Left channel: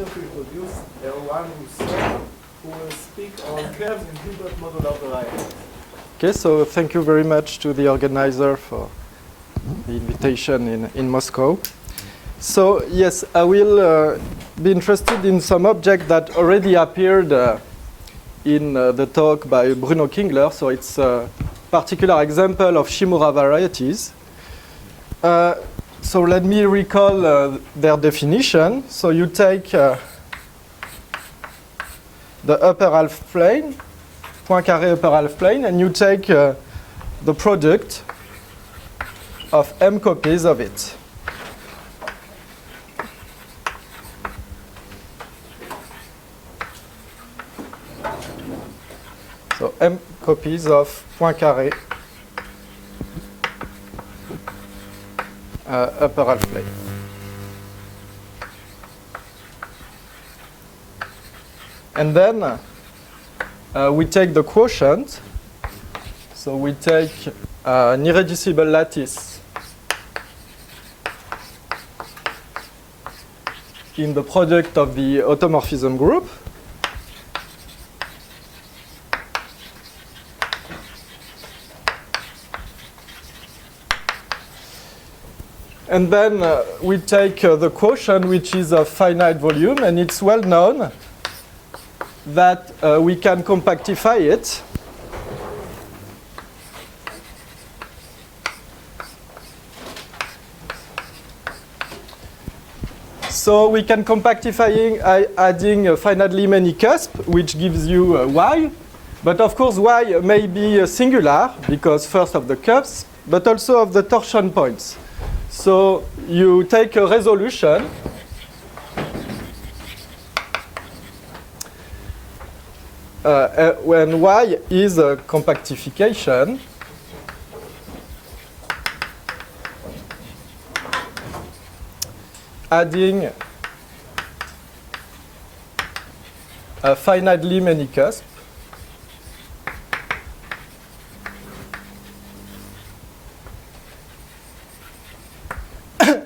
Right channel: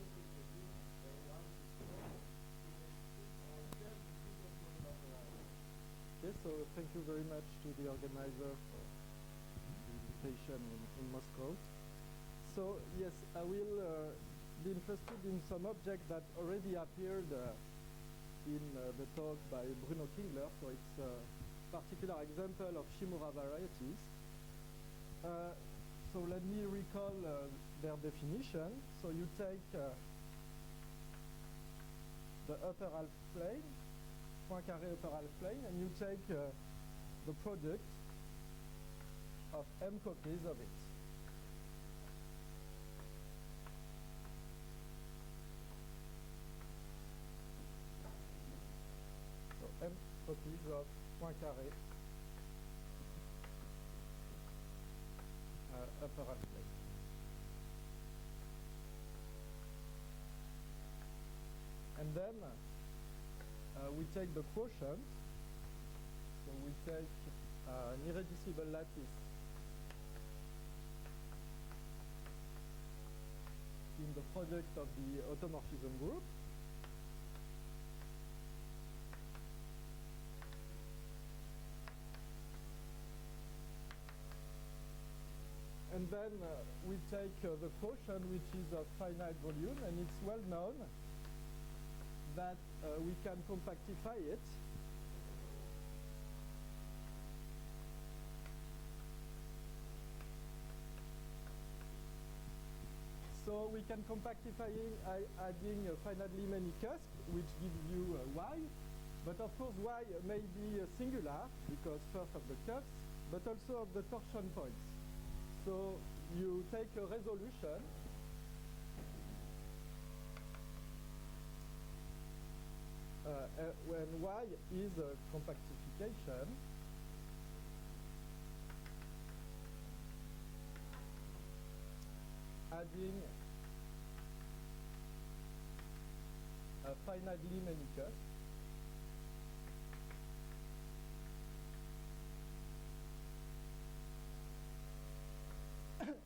pleasure to introduce Erwan Rousseau, who will speak on curves in Hilbert modular varieties. Okay, so thank you very much to the organizer for the invitation in Moscow. So yes, I will be interested in some object that already appeared in the talk by Bruno Kingler. So it's a particular example of Shimura varieties. So let me recall their definition. So you take the upper half plane, Poincaré upper half plane, and you take the product of m copies of it. So m copies of Poincaré upper half plane. And then we take the quotient. So we take an irreducible lattice in the product of the automorphism group. And then we take the quotient, which is of finite volume, and it's well known that we can compactify it. So we can compactify adding finitely many cusps, which gives you y. But of course, y may be singular, because first of the cusps, but also of the torsion points. So you take a resolution when y is a compactification adding a finitely many cusps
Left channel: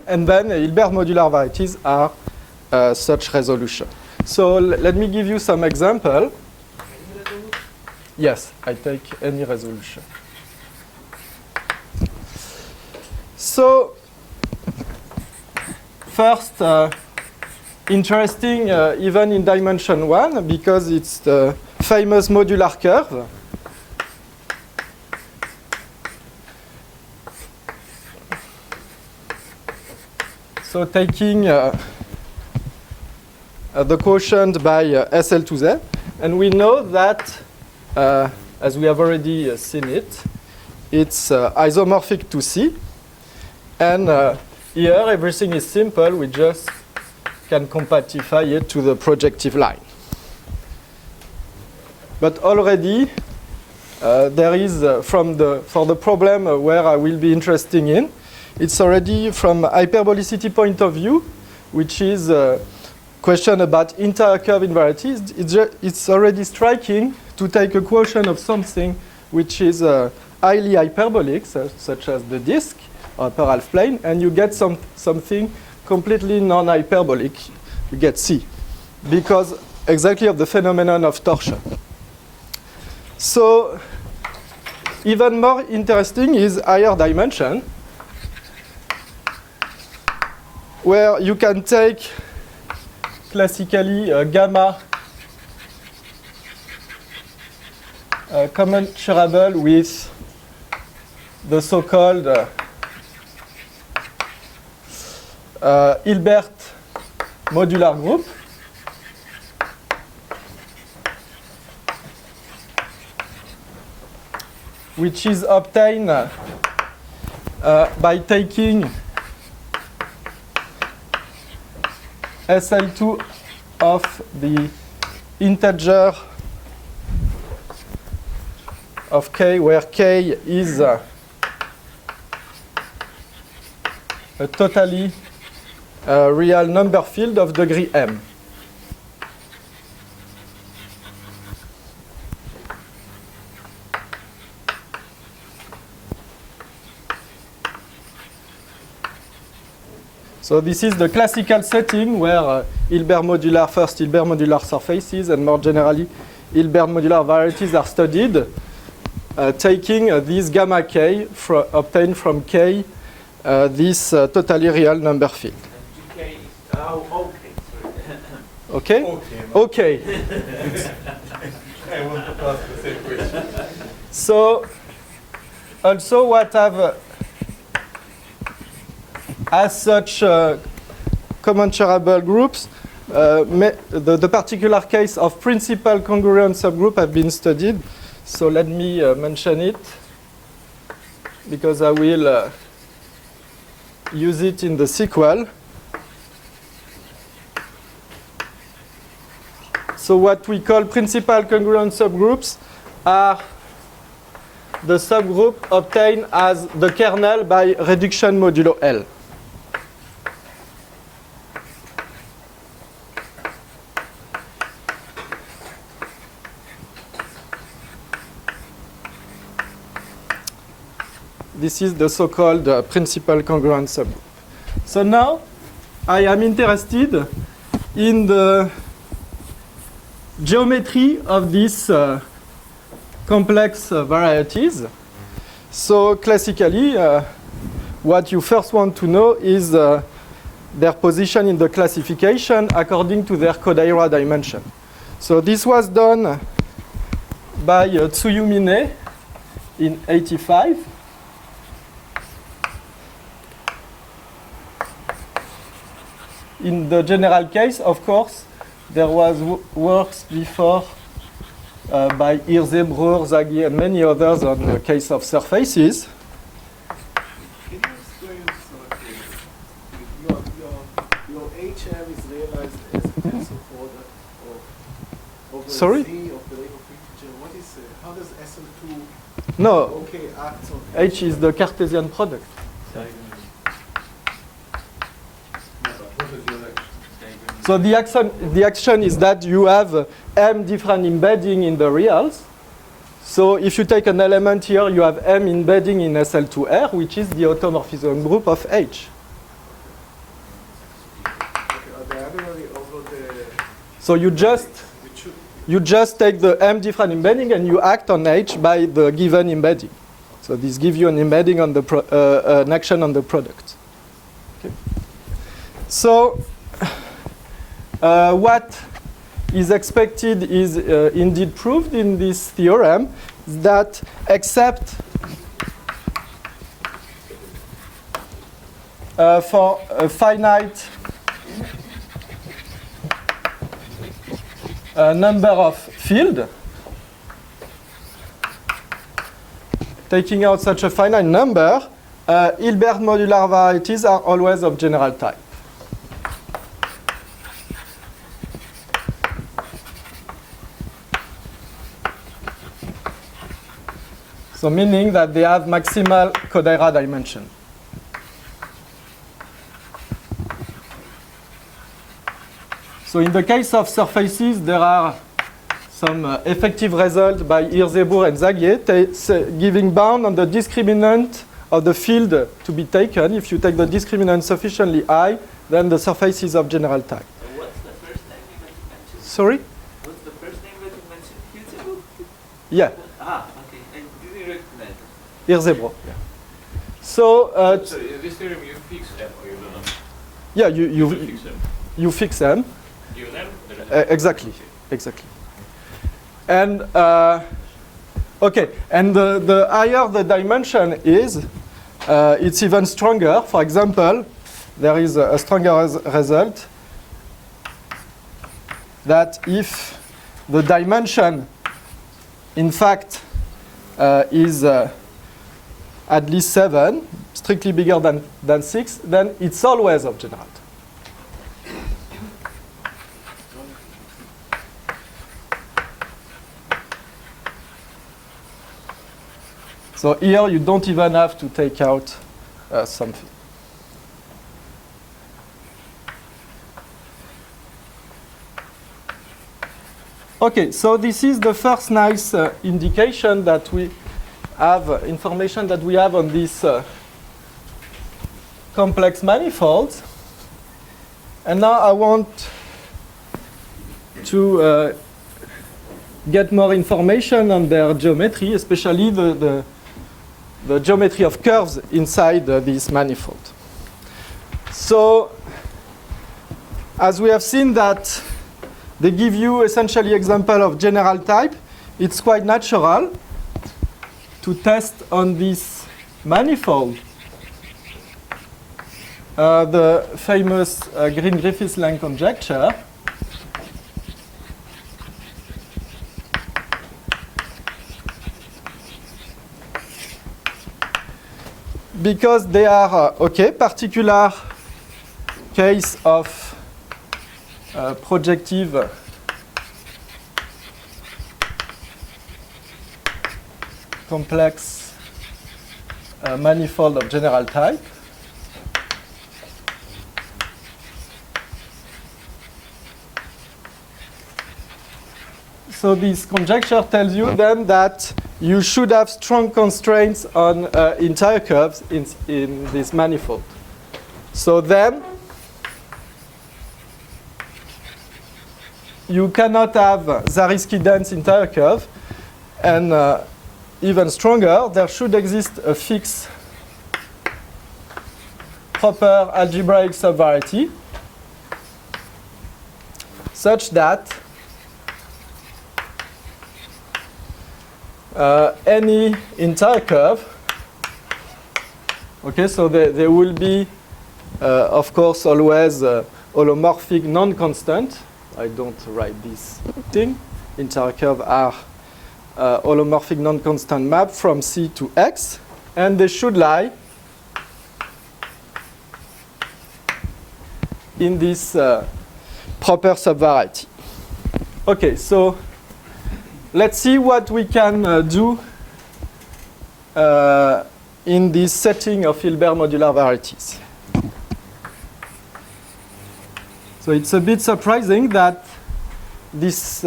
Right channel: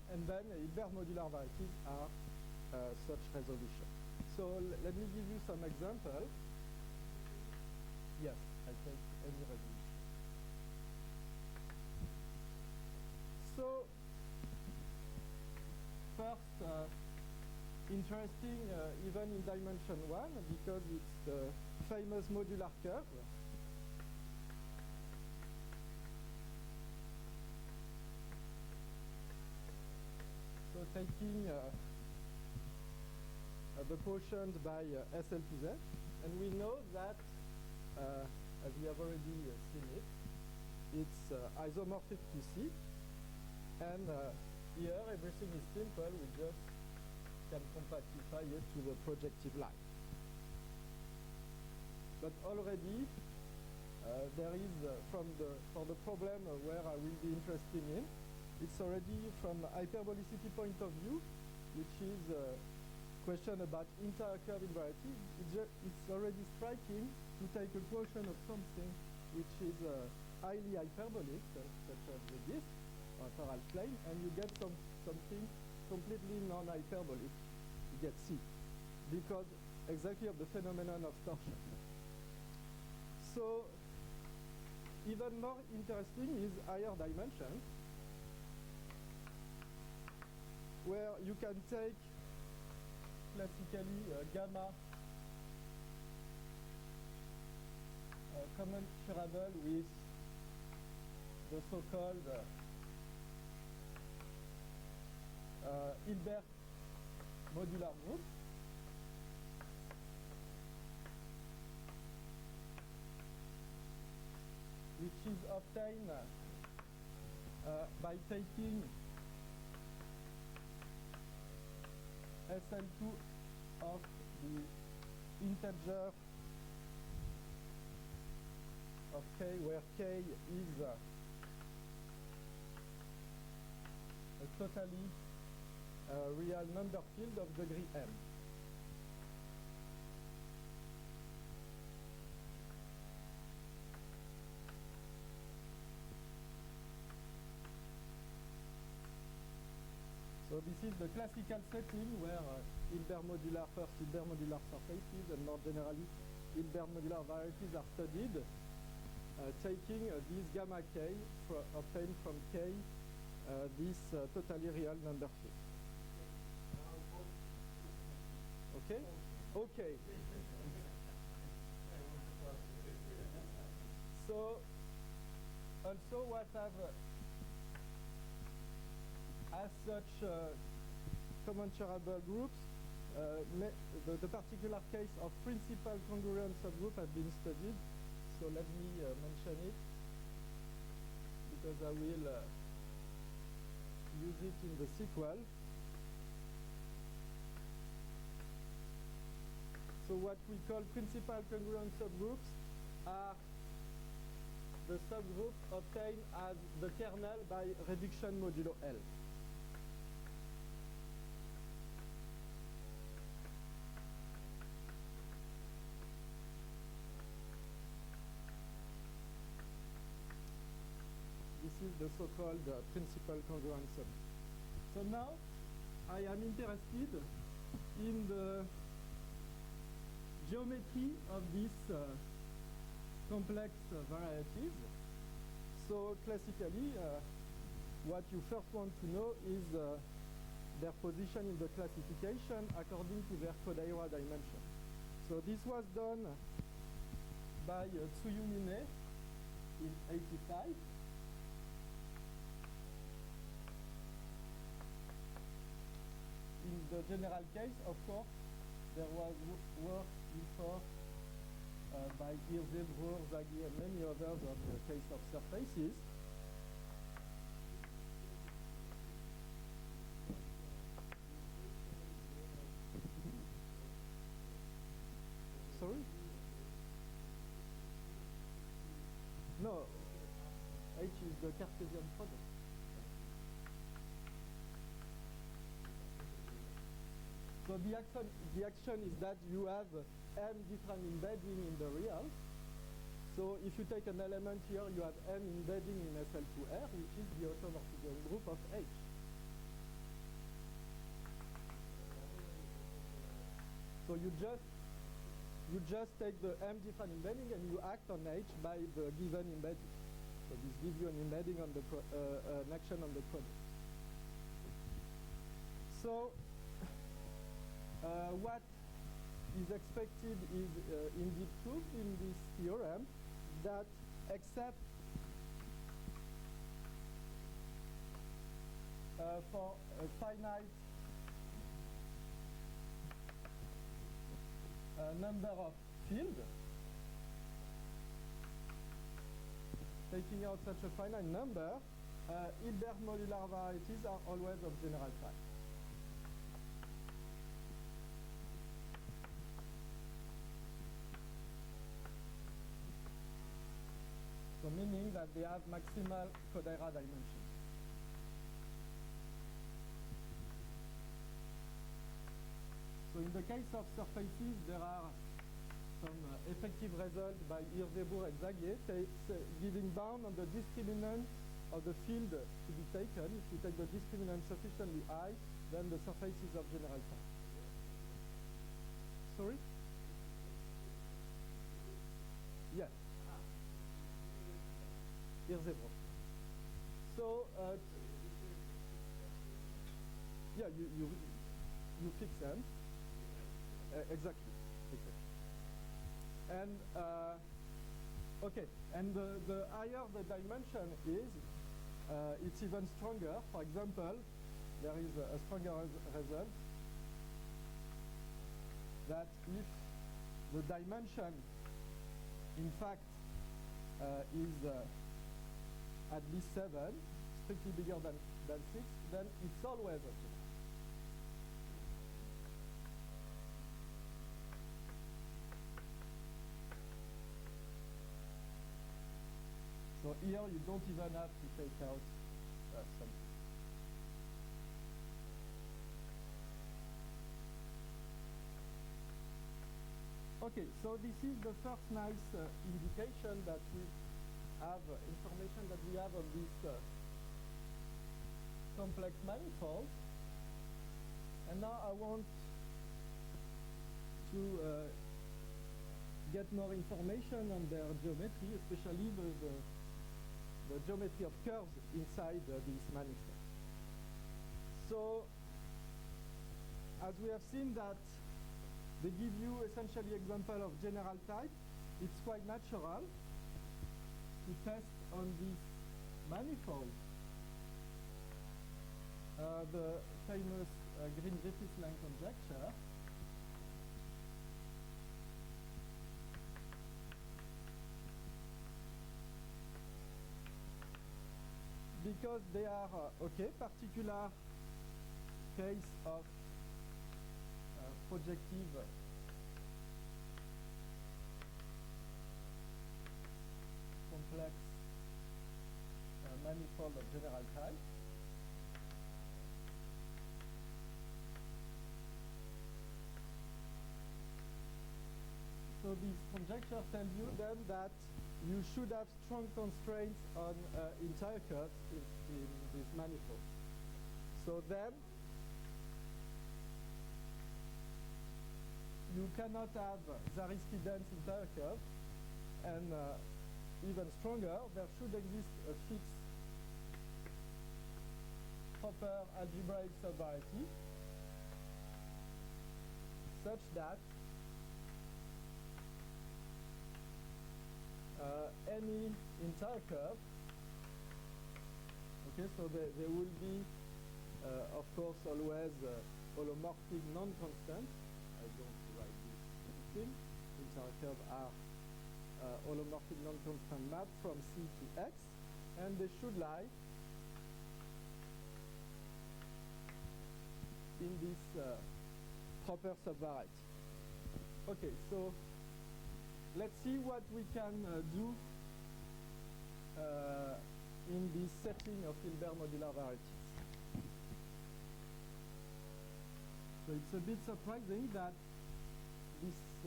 and then Hilbert modular varieties are such resolution. So let me give you some example. Yes, I take any resolution. So first, interesting even in dimension 1 because it's the famous modular curve. So taking the quotient by SL to Z, and we know that, as we have already seen it, it's isomorphic to C. And here everything is simple. We just can compactify it to the projective line. But already there is, for the problem where I will be interested in, it's already from hyperbolicity point of view, which is a question about entire curve invariances. It's already striking to take a quotient of something which is highly hyperbolic, such as the disk, upper half plane, and you get something completely non-hyperbolic. You get C, because exactly of the phenomenon of torsion. So even more interesting is higher dimension, where you can take classically gamma commensurable with the so-called Hilbert modular group. Which is obtained by taking SL2 of the integer of k, where k is a totally real number field of degree m. So this is the classical setting where Hilbert modular surfaces and more generally Hilbert modular varieties are studied, taking this gamma k obtained from K, this totally real number field. GK, oh, okay, sorry. Okay? Okay. Okay. I want to ask the same question. So also what I've as such commensurable groups, the particular case of principal congruent subgroup have been studied. So let me mention it because I will use it in the sequel. So what we call principal congruent subgroups are the subgroup obtained as the kernel by reduction modulo L. This is the so-called principal congruent subgroup. So now I am interested in the geometry of these complex varieties. So classically, what you first want to know is their position in the classification according to their Kodaira dimension. So this was done by Tsuyumine in '85. In the general case, of course, there was works before by Hirse, Breuer, Zaghi, and many others on the case of surfaces. Can you explain your HM is realized as a tensor product of the Sorry? Z of the label picture? What is how does SL2 No, okay act on H is the Cartesian product. So the action is that you have m different embedding in the reals. So if you take an element here, you have m embedding in SL2R, which is the automorphism group of H. diagonally over the So you just take the m different embedding and you act on H by the given embedding. So this gives you an embedding on the an action on the product. Okay. So what is expected is indeed proved in this theorem, that except for a finite number of field, taking out such a finite number, Hilbert modular varieties are always of general type. So meaning that they have maximal Kodaira dimension. So in the case of surfaces, there are some effective results by Hirse, Breuer, and Zaghi giving bound on the discriminant of the field to be taken. If you take the discriminant sufficiently high, then the surface is of general type. What's the first name that you mentioned? Sorry? What's the first name that you mentioned? Hirse? Yeah, Ah, okay. I didn't recognize it. Hirse, Breuer. So, So in this theorem you fix M or you don't know? yeah, You fix M. you fix M. Given M, there is Exactly. Exactly. And okay, and the higher the dimension is, it's even stronger. For example, there is a stronger result that if the dimension, in fact, is at least 7, strictly bigger than 6, then it's always of general type. So here you don't even have to take out something. Okay, so this is the first nice indication that we have, information that we have on these complex manifolds. And now I want to get more information on their geometry, especially the geometry of curves inside this manifold. So, as we have seen that they give you essentially example of general type, it's quite natural to test on this manifold the famous Green-Griffiths-Lang conjecture. Because they are, particular case of projective complex manifold of general type. So this conjecture tells you then that you should have strong constraints on entire curves in this manifold. So then you cannot have Zariski dense entire curve, and even stronger, there should exist a fixed proper algebraic subvariety such that any entire curve, so there will be, of course, always holomorphic non-constant. I don't write this thing. Entire curve are holomorphic non-constant map from C to X, and they should lie in this proper subvariety. Okay, so let's see what we can do in this setting of Hilbert modular varieties. So it's a bit surprising that this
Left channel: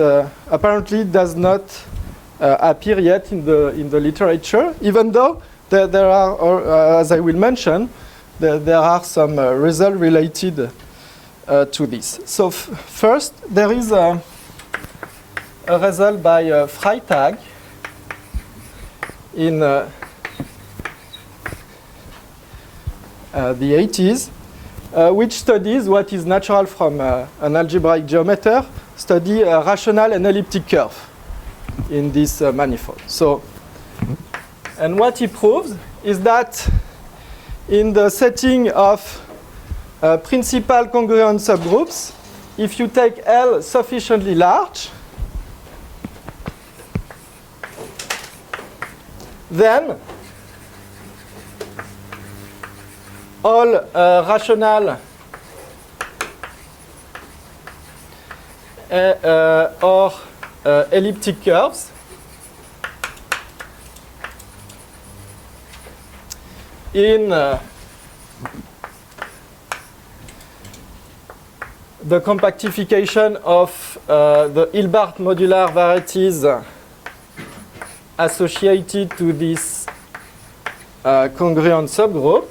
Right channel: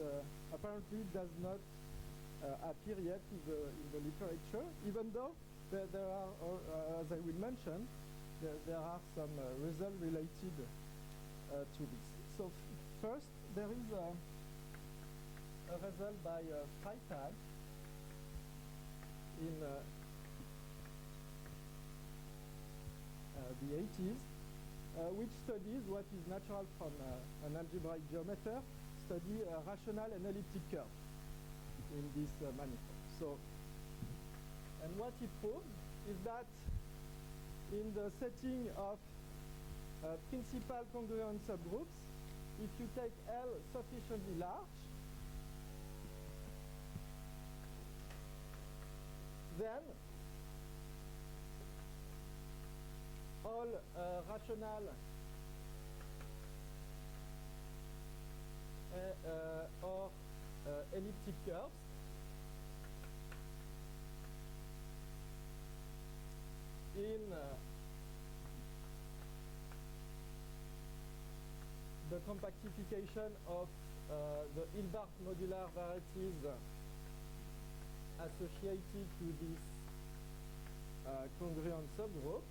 apparently does not appear yet in the literature, even though there are, as I will mention, there are some results related to this. So first, there is a result by Freytag in the 80s, which studies what is natural from an algebraic geometer, study a rational and elliptic curve in this manifold. So, and what he proves is that in the setting of principal congruent subgroups, if you take L sufficiently large, then all rational or elliptic curves in the compactification of the Hilbert modular varieties associated to this congruent subgroup.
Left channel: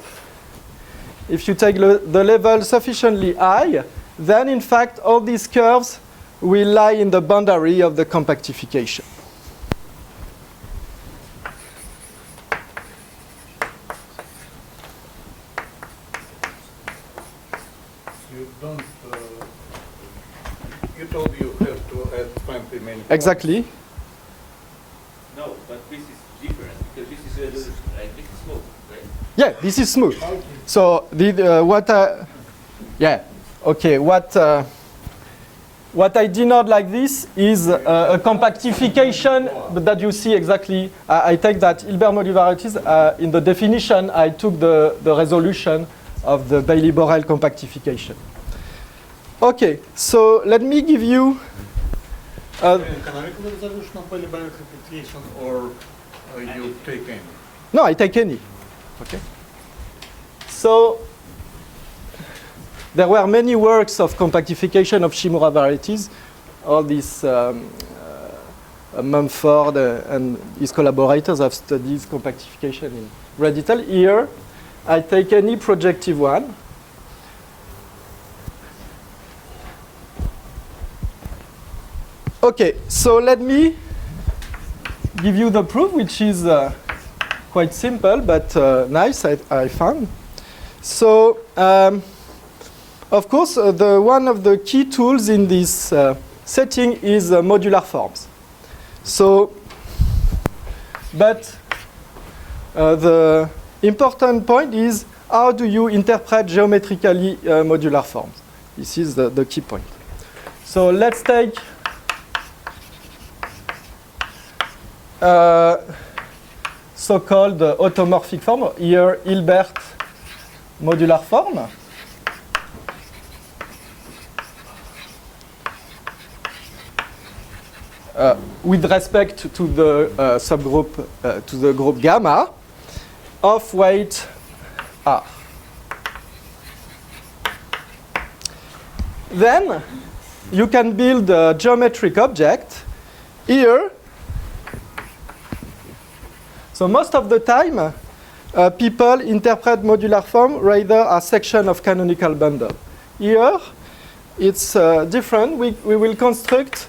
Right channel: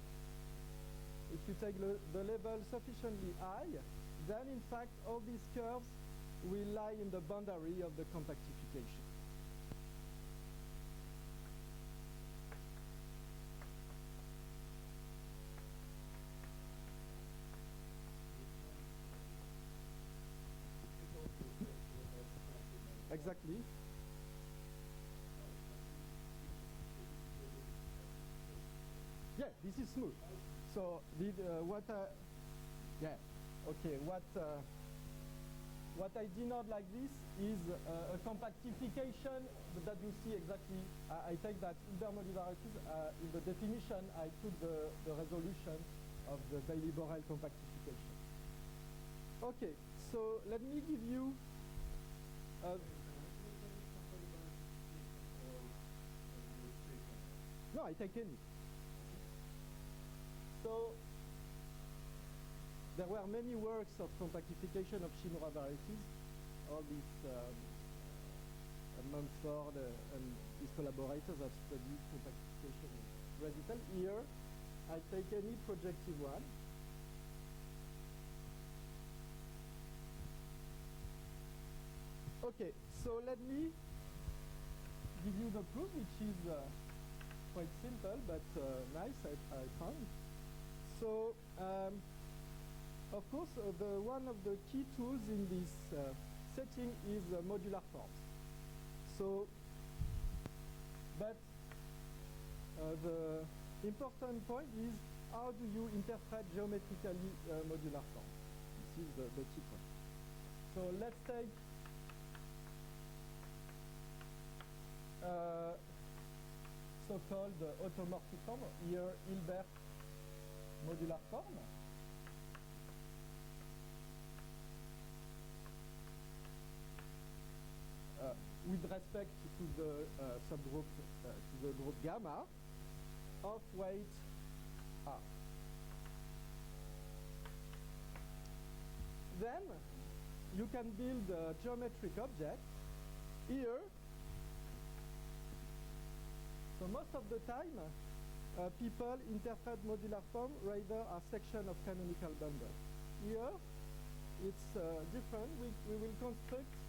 If you take the level sufficiently high, then in fact all these curves will lie in the boundary of the compactification. You don't. You told you have to add 20 many. Exactly. No, but this is different because this is resolution, right? This is smooth, right? Yeah, this is smooth. So what I denote like this is a compactification that you see exactly. I take that Hilbert modular varieties in the definition. I took the resolution of the Bailey-Borel compactification. Okay, so let me give you. Canonical resolution of Bailey-Borel compactification, or you take any? No, I take any. Okay. So there were many works of compactification of Shimura varieties. All these Mumford and his collaborators have studied compactification in great detail. Here, I take any projective one. Okay, so let me give you the proof, which is quite simple, but nice, I found. So, of course, one of the key tools in this setting is modular forms. So, but the important point is how do you interpret geometrically modular forms? This is the key point. So let's take so-called automorphic form, here Hilbert modular form. With respect to the subgroup, to the group gamma of weight R. Then you can build a geometric object here. So most of the time, people interpret modular form rather as section of canonical bundle. Here, it's different. We will construct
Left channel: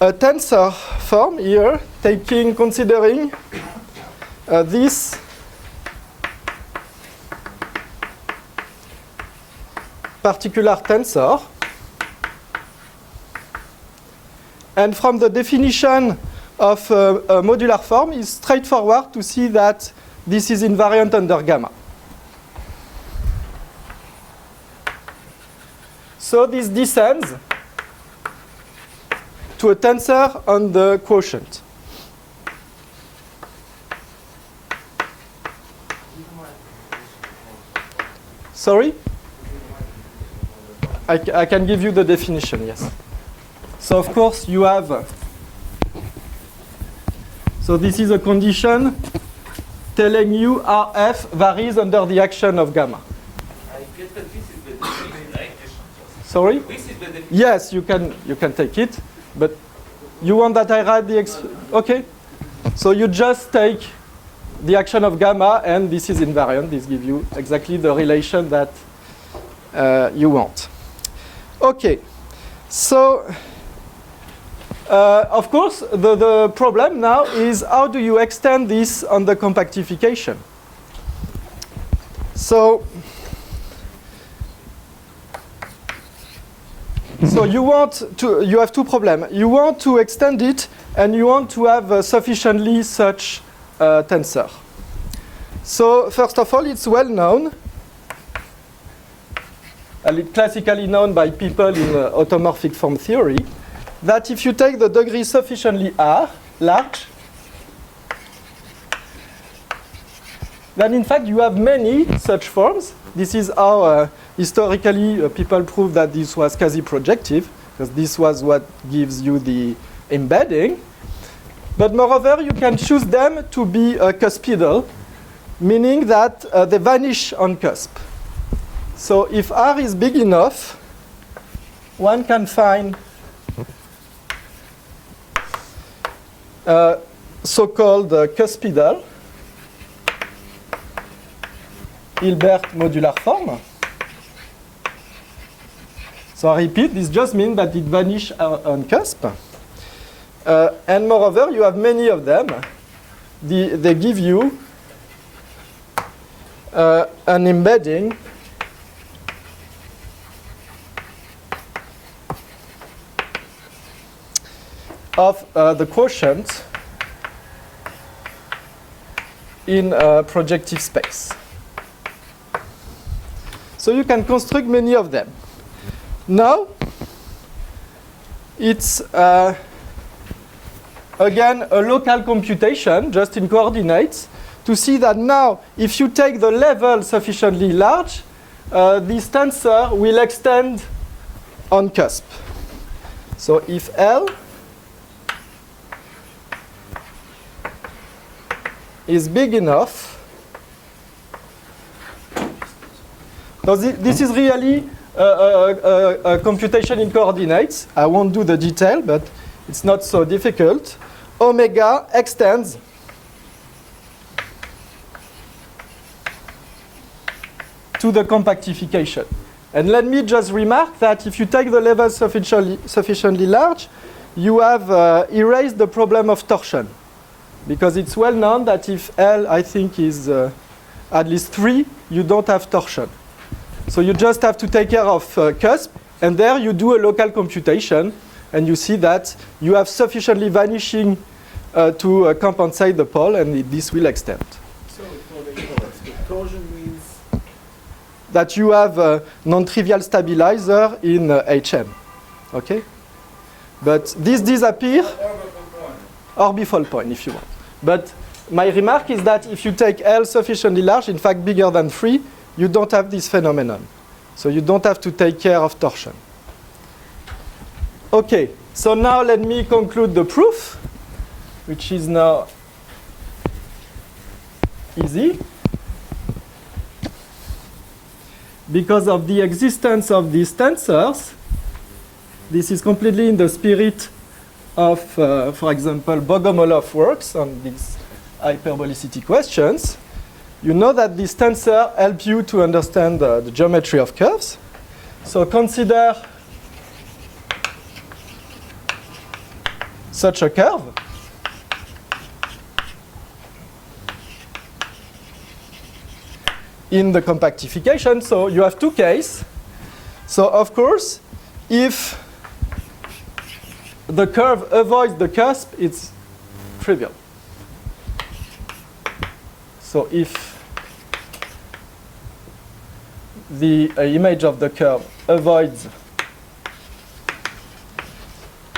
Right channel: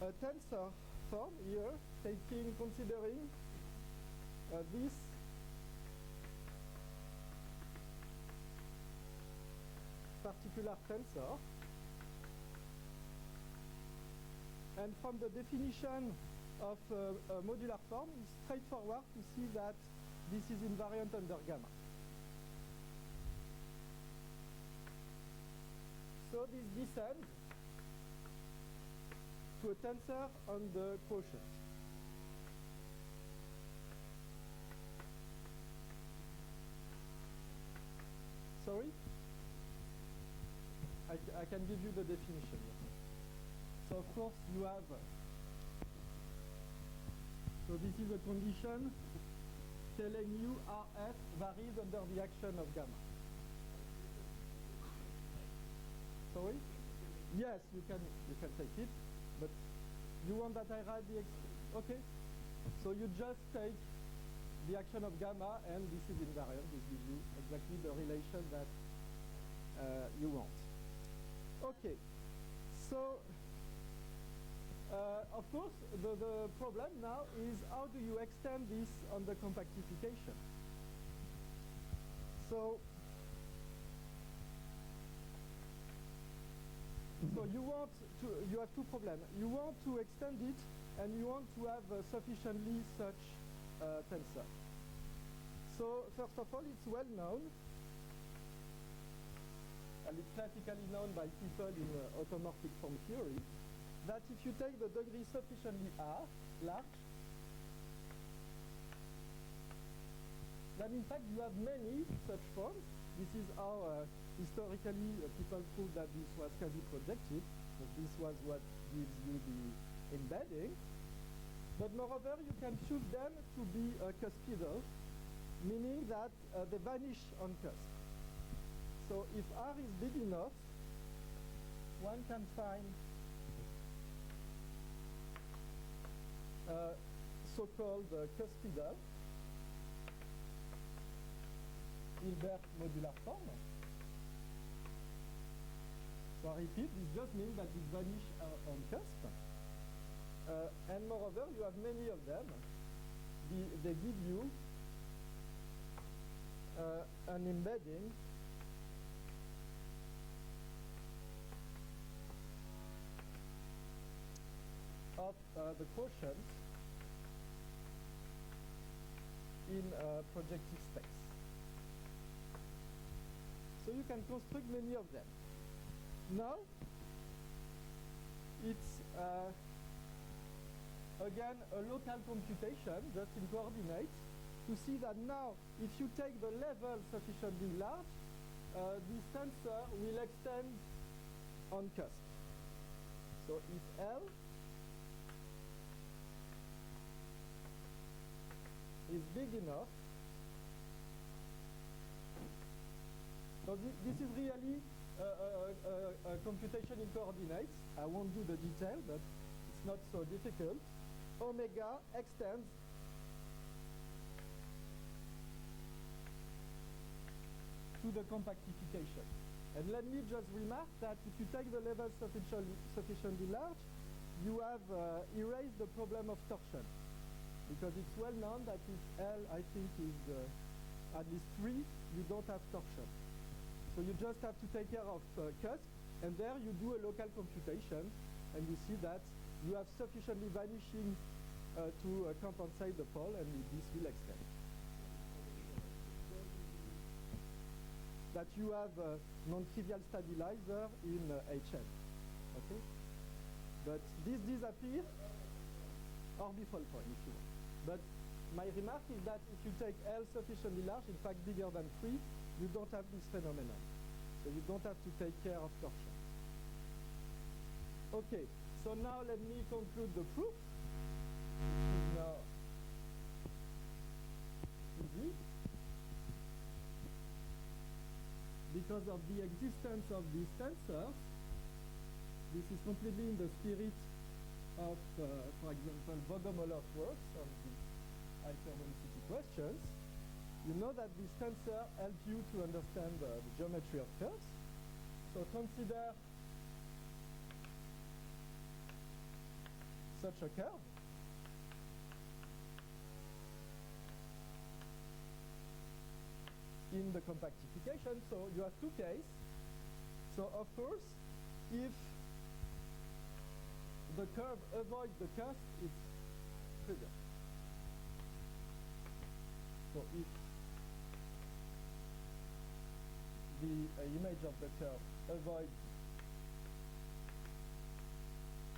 a tensor form here, considering this particular tensor. And from the definition of a modular form, it's straightforward to see that this is invariant under gamma. So this descends to a tensor on the quotient. Sorry? I can give you the definition, yes. So of course you have, so this is a condition telling you RF varies under the action of gamma. I guess that this is the definition, right? Sorry? This is the definition. Yes, you can take it, but you want that I write the okay? So you just take the action of gamma, and this is invariant. This gives you exactly the relation that you want. Okay, so of course the problem now is how do you extend this on the compactification? So you have two problems. You want to extend it, and you want to have sufficiently such tensor. So first of all, it's well known, classically known by people in automorphic form theory, that if you take the degree sufficiently large, then in fact you have many such forms. This is how historically people prove that this was quasi-projective, because this was what gives you the embedding. But moreover, you can choose them to be cuspidal, meaning that they vanish on cusp. So if R is big enough, one can find so-called cuspidal Hilbert modular form. So I repeat, this just means that it vanishes on cusp. And moreover, you have many of them. They give you an embedding of the quotient in projective space. So you can construct many of them. Now, it's again a local computation, just in coordinates, to see that now, if you take the level sufficiently large, this tensor will extend on cusp. So if L is big enough, now this is really a computation in coordinates. I won't do the detail, but it's not so difficult. Omega extends to the compactification. And let me just remark that if you take the level sufficiently large, you have erased the problem of torsion. Because it's well known that if L, I think, is at least 3, you don't have torsion. So you just have to take care of cusp, and there you do a local computation, and you see that you have sufficiently vanishing to compensate the pole, and this will extend. So for the inverse, the torsion means That you have a non-trivial stabilizer in HM. Okay? But this disappears, orbifold point if you want. But my remark is that if you take L sufficiently large, in fact bigger than 3, you don't have this phenomenon. So you don't have to take care of torsion. Okay, so now let me conclude the proof, which is now easy. Because of the existence of these tensors, this is completely in the spirit of, for example, Bogomolov works on these hyperbolicity questions. You know that these tensors help you to understand the geometry of curves. So consider such a curve. In the compactification, so you have two cases. So of course, if the curve avoids the cusp, it's trivial. So if the image of the curve avoids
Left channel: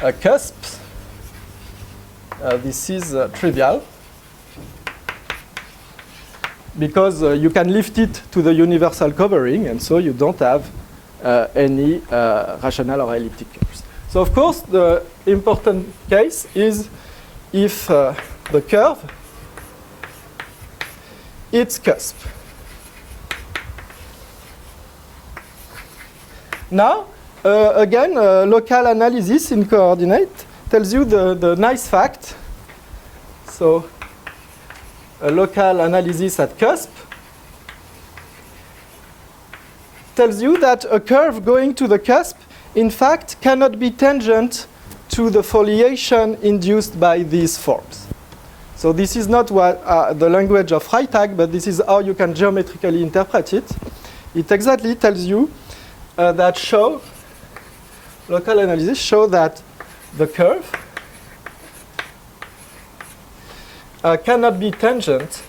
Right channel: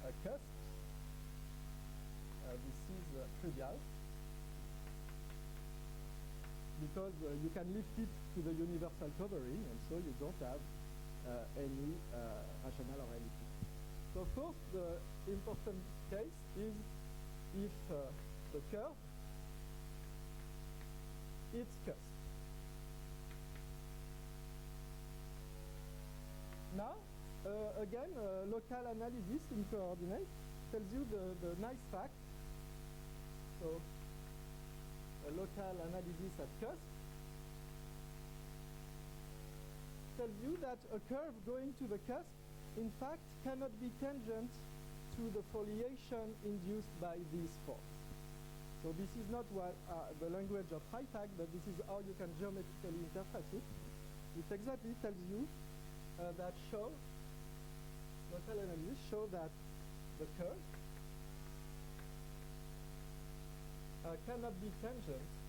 a cusp, this is trivial, because you can lift it to the universal covering, and so you don't have any rational or elliptic curves. So of course, the important case is if the curve its cusp. Now, again, local analysis in coordinate tells you the nice fact. So a local analysis at cusp tells you that a curve going to the cusp, in fact, cannot be tangent to the foliation induced by these forms. So this is not what the language of Freytag, but this is how you can geometrically interpret it. It exactly tells you that local analysis show that the curve cannot be tangent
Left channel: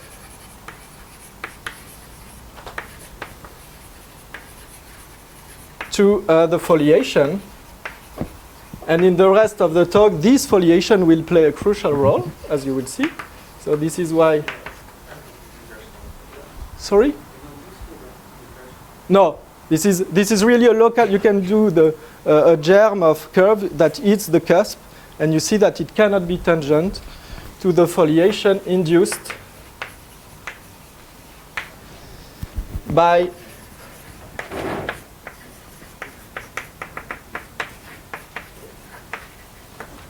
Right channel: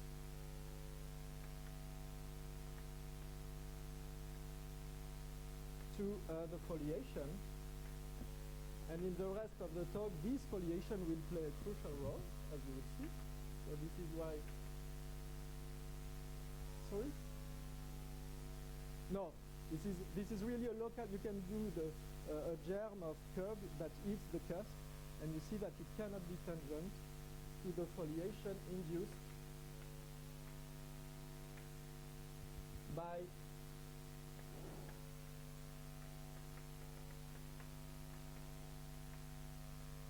to the foliation. And in the rest of the talk, this foliation will play a crucial role, as you will see. So this is why. Sorry? No, this is really a local. You can do a germ of curve that hits the cusp, and you see that it cannot be tangent to the foliation induced by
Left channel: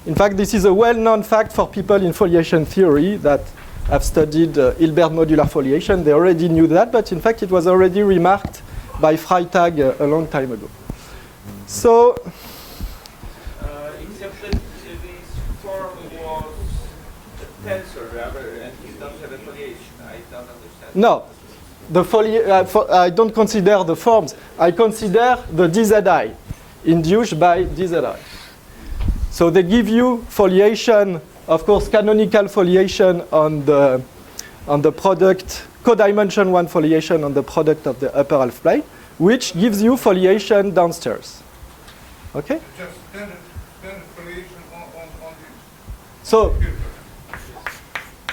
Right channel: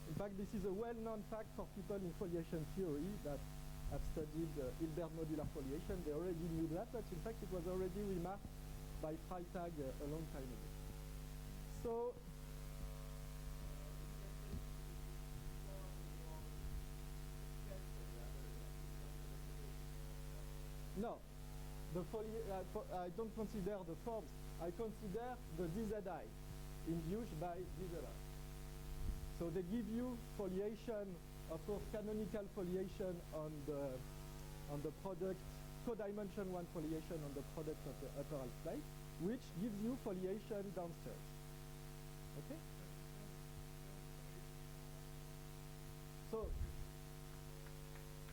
in fact, this is a well-known fact for people in foliation theory that have studied Hilbert modular foliation. They already knew that, but in fact, it was already remarked by Freytag a long time ago. So, Except that this form was a tensor, and it doesn't have a foliation. I don't understand. no, I don't consider the forms. I consider the DZI induced by DZI. So they give you foliation, of course, canonical foliation on the product, codimension 1 foliation on the product of the upper half plane, which gives you foliation downstairs. Okay? Just standard foliation on the So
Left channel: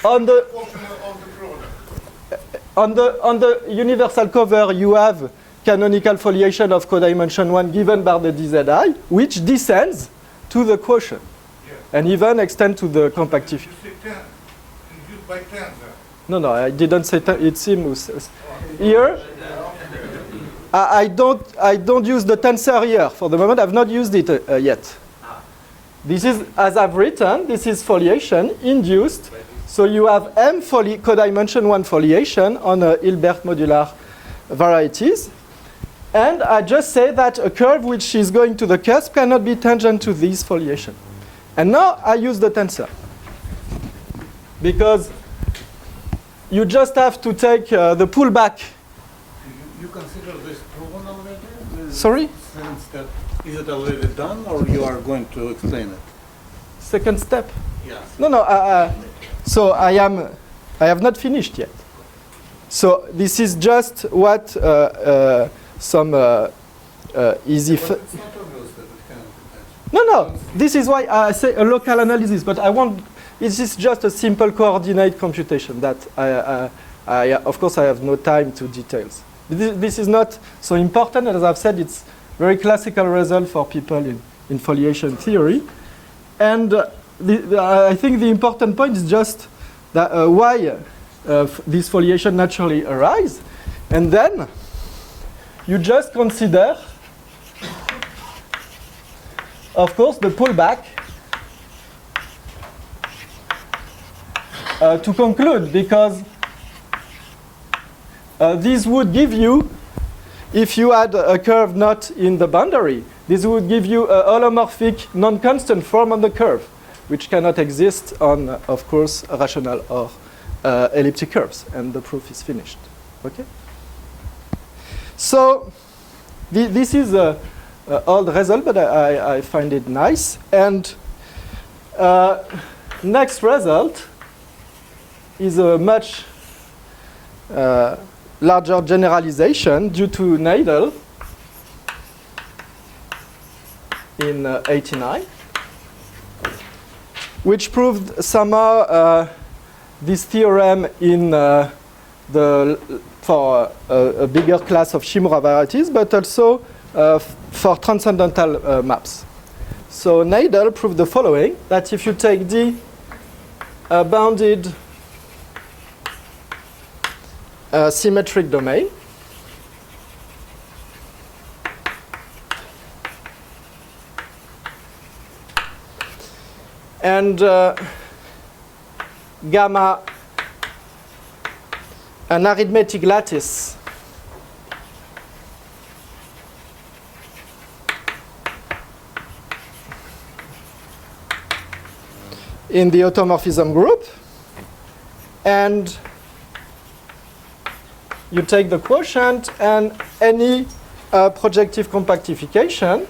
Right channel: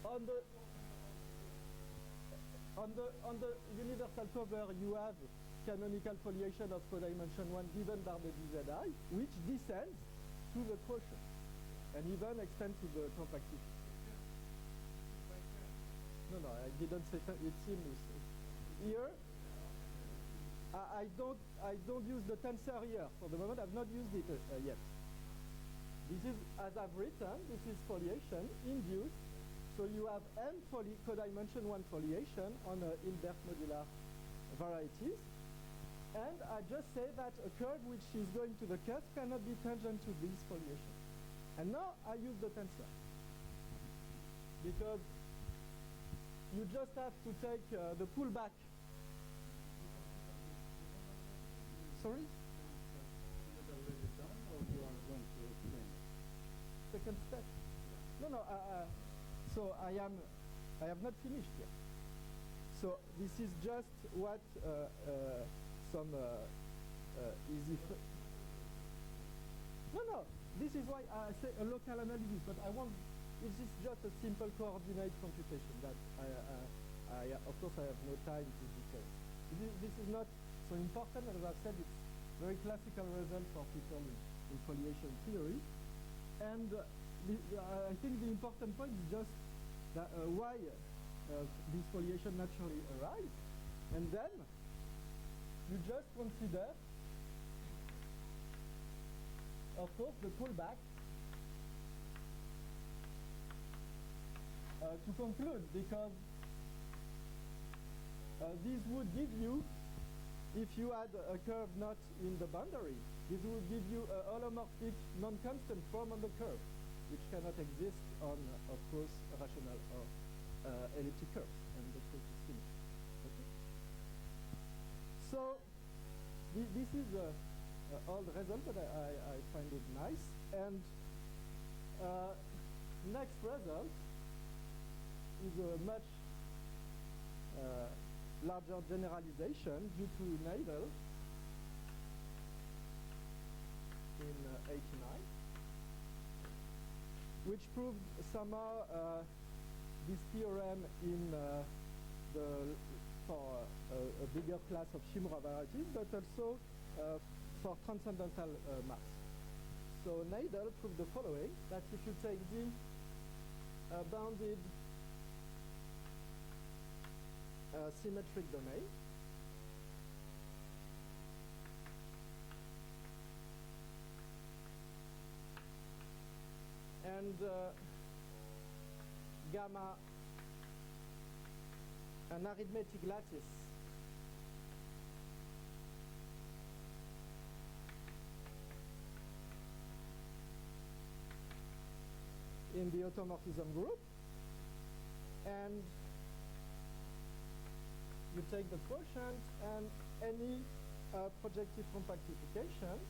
on the portion of the product. on the universal cover, you have canonical foliation of codimension 1 given by the DZI, which descends to the quotient, Yes. and even extend to the compactification. You say 10, induced by tensor. No, I didn't say it's him who says. Here, I don't use the tensor here for the moment. I've not used it yet. This is, as I've written, this is foliation induced. So you have M codimension 1 foliation on Hilbert modular varieties. And I just say that a curve which is going to the cusp cannot be tangent to this foliation. And now I use the tensor. Because you just have to take the pullback. You consider this proven already? Sorry? Since that, is it already done, or you are going to explain it? Second step. Yes. No. So I have not finished yet. So this is just what some easy. But it's not obvious that it cannot attach. No. This is why I say a local analysis, but I want. This is just a simple coordinate computation that of course, I have no time to details. This is not so important, as I've said. It's very classical result for people in foliation theory, and I think the important point is just that why this foliation naturally arise, and then you just consider, of course, the pullback to conclude, because this would give you, if you had a curve not in the boundary, this would give you a holomorphic non-constant form on the curve, which cannot exist on, of course, rational or elliptic curves, and the proof is finished. Okay. So this is an old result, but I find it nice. And next result is a much larger generalization due to Nadel in '89, which proved somehow this theorem in for a bigger class of Shimura varieties, but also for transcendental maps. So Nadel proved the following: that if you take D bounded symmetric domain, and gamma an arithmetic lattice in the automorphism group, and you take the quotient and any projective compactification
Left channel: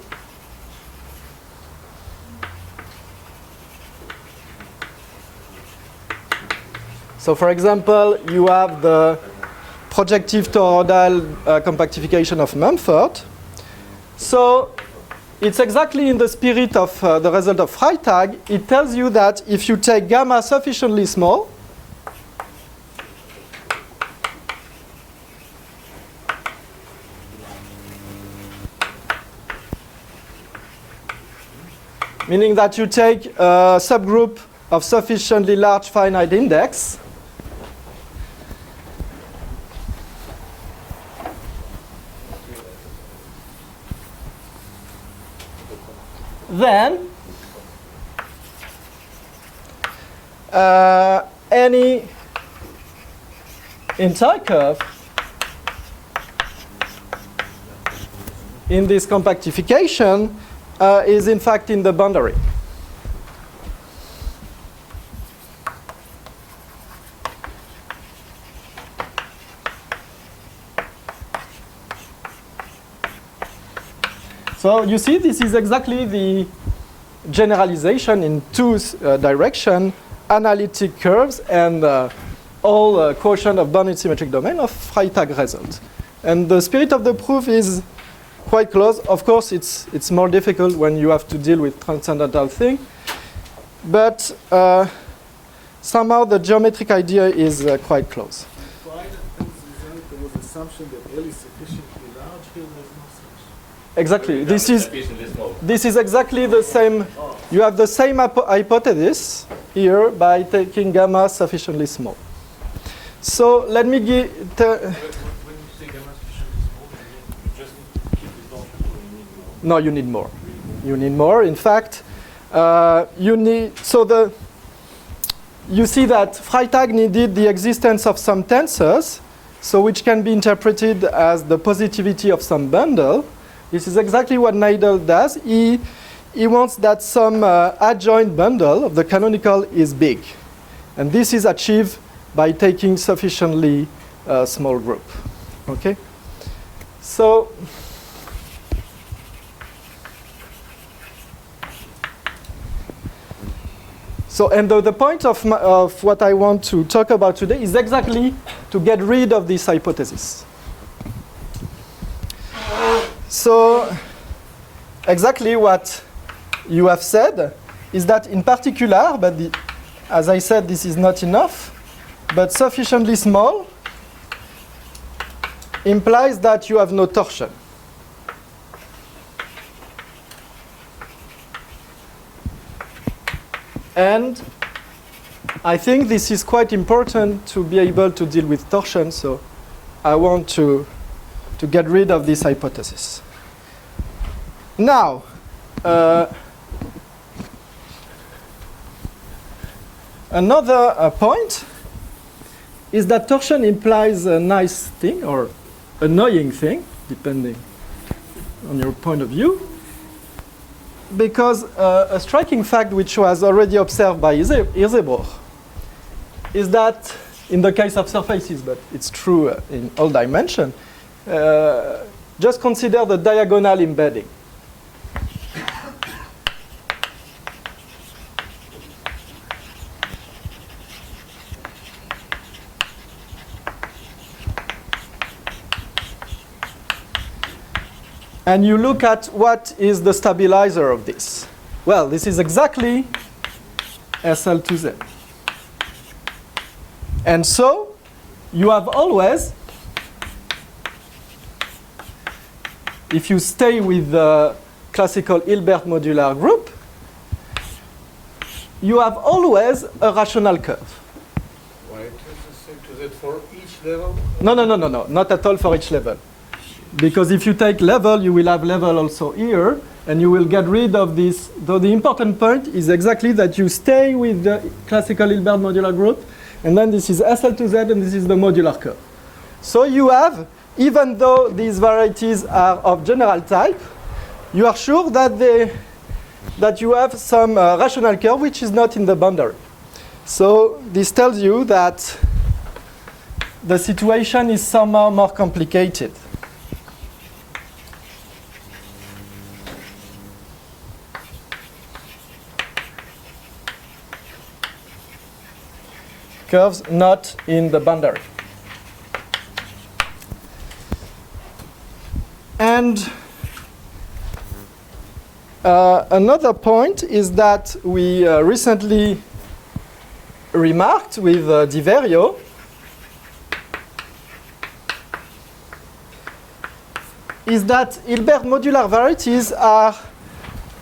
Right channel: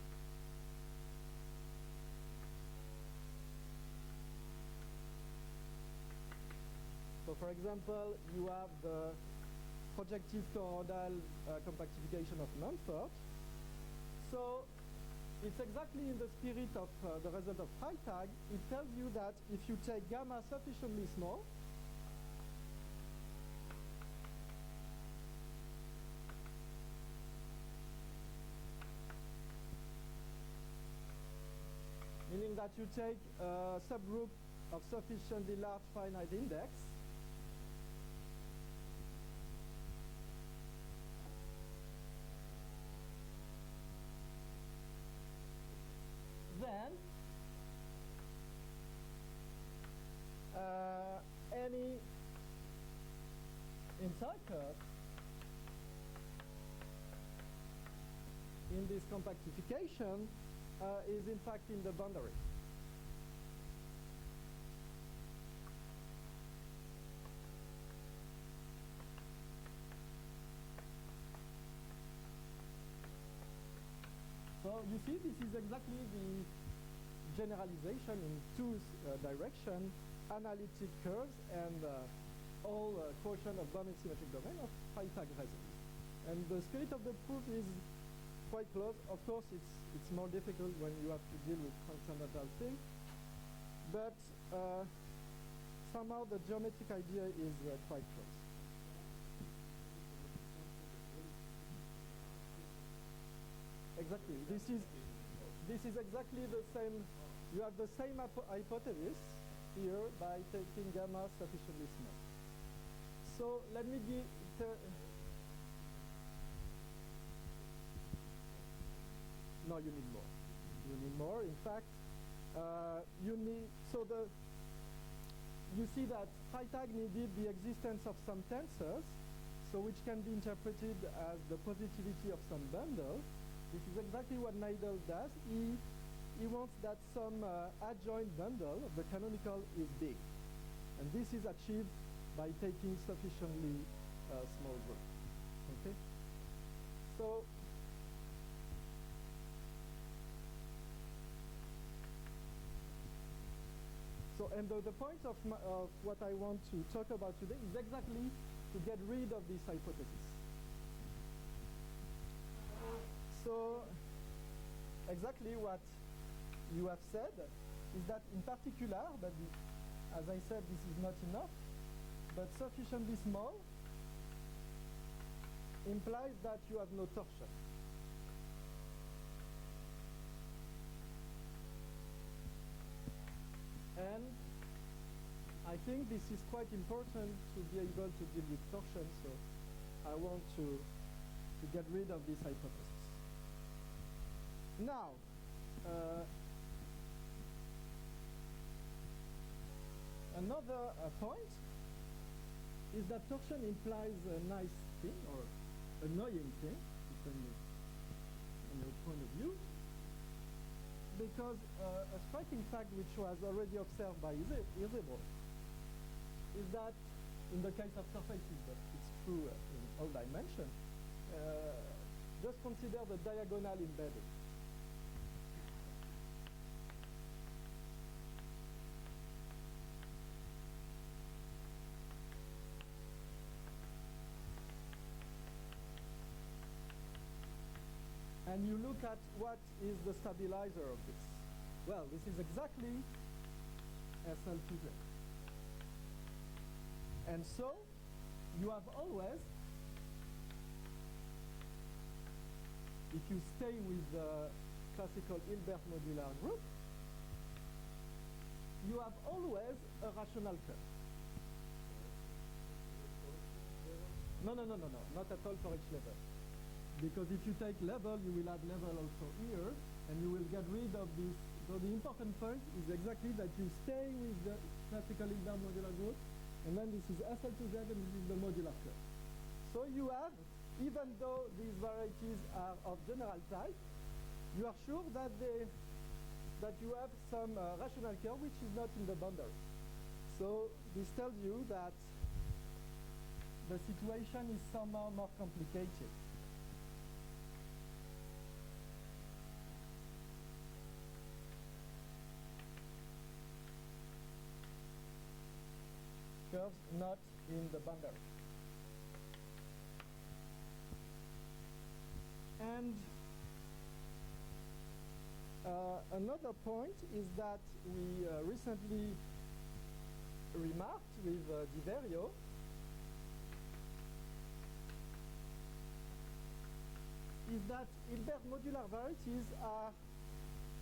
So for example, you have the projective toroidal compactification of Mumford. So it's exactly in the spirit of the result of Freytag. It tells you that if you take gamma sufficiently small, meaning that you take a subgroup of sufficiently large finite index, then any entire curve in this compactification is in fact in the boundary. So you see, this is exactly the generalization in two directions, analytic curves and all quotient of bounded symmetric domain of Freytag result. And the spirit of the proof is quite close. Of course, it's more difficult when you have to deal with transcendental thing. But somehow the geometric idea is quite close. Why the result, there was assumption that L is sufficiently large, here there's no such. Exactly. This is exactly the same. You have the same hypothesis here by taking gamma sufficiently small. So let me give. When you say gamma sufficiently small, you just keep it long, or you need more? No, you need more. You need more. In fact, you need. So you see that Freytag needed the existence of some tensors, so which can be interpreted as the positivity of some bundle. This is exactly what Nadel does. He he wants that some adjoint bundle of the canonical is big. And this is achieved by taking sufficiently small group. Okay? So, and the point of what I want to talk about today is exactly to get rid of this hypothesis. So, exactly what you have said is that in particular, but as I said, this is not enough, but sufficiently small implies that you have no torsion. And I think this is quite important to be able to deal with torsion, so I want to get rid of this hypothesis. Now, another point is that torsion implies a nice thing or annoying thing, depending on your point of view, because a striking fact which was already observed by Hirzebruch is that in the case of surfaces, but it's true in all dimensions, just consider the diagonal embedding. And you look at what is the stabilizer of this. Well, this is exactly SL2Z. And so you have always, if you stay with the classical Hilbert modular group, you have always a rational curve. Why it is the same to Z for each level? No, not at all for each level. Because if you take level, you will have level also here, and you will get rid of this. Though the important point is exactly that you stay with the classical Hilbert modular group, and then this is SL2Z, and this is the modular curve. So you have, even though these varieties are of general type, you are sure that you have some rational curve which is not in the boundary. So this tells you that the situation is somehow more complicated. Curves not in the boundary. And another point is that we recently remarked with Di Verio is that Hilbert modular varieties are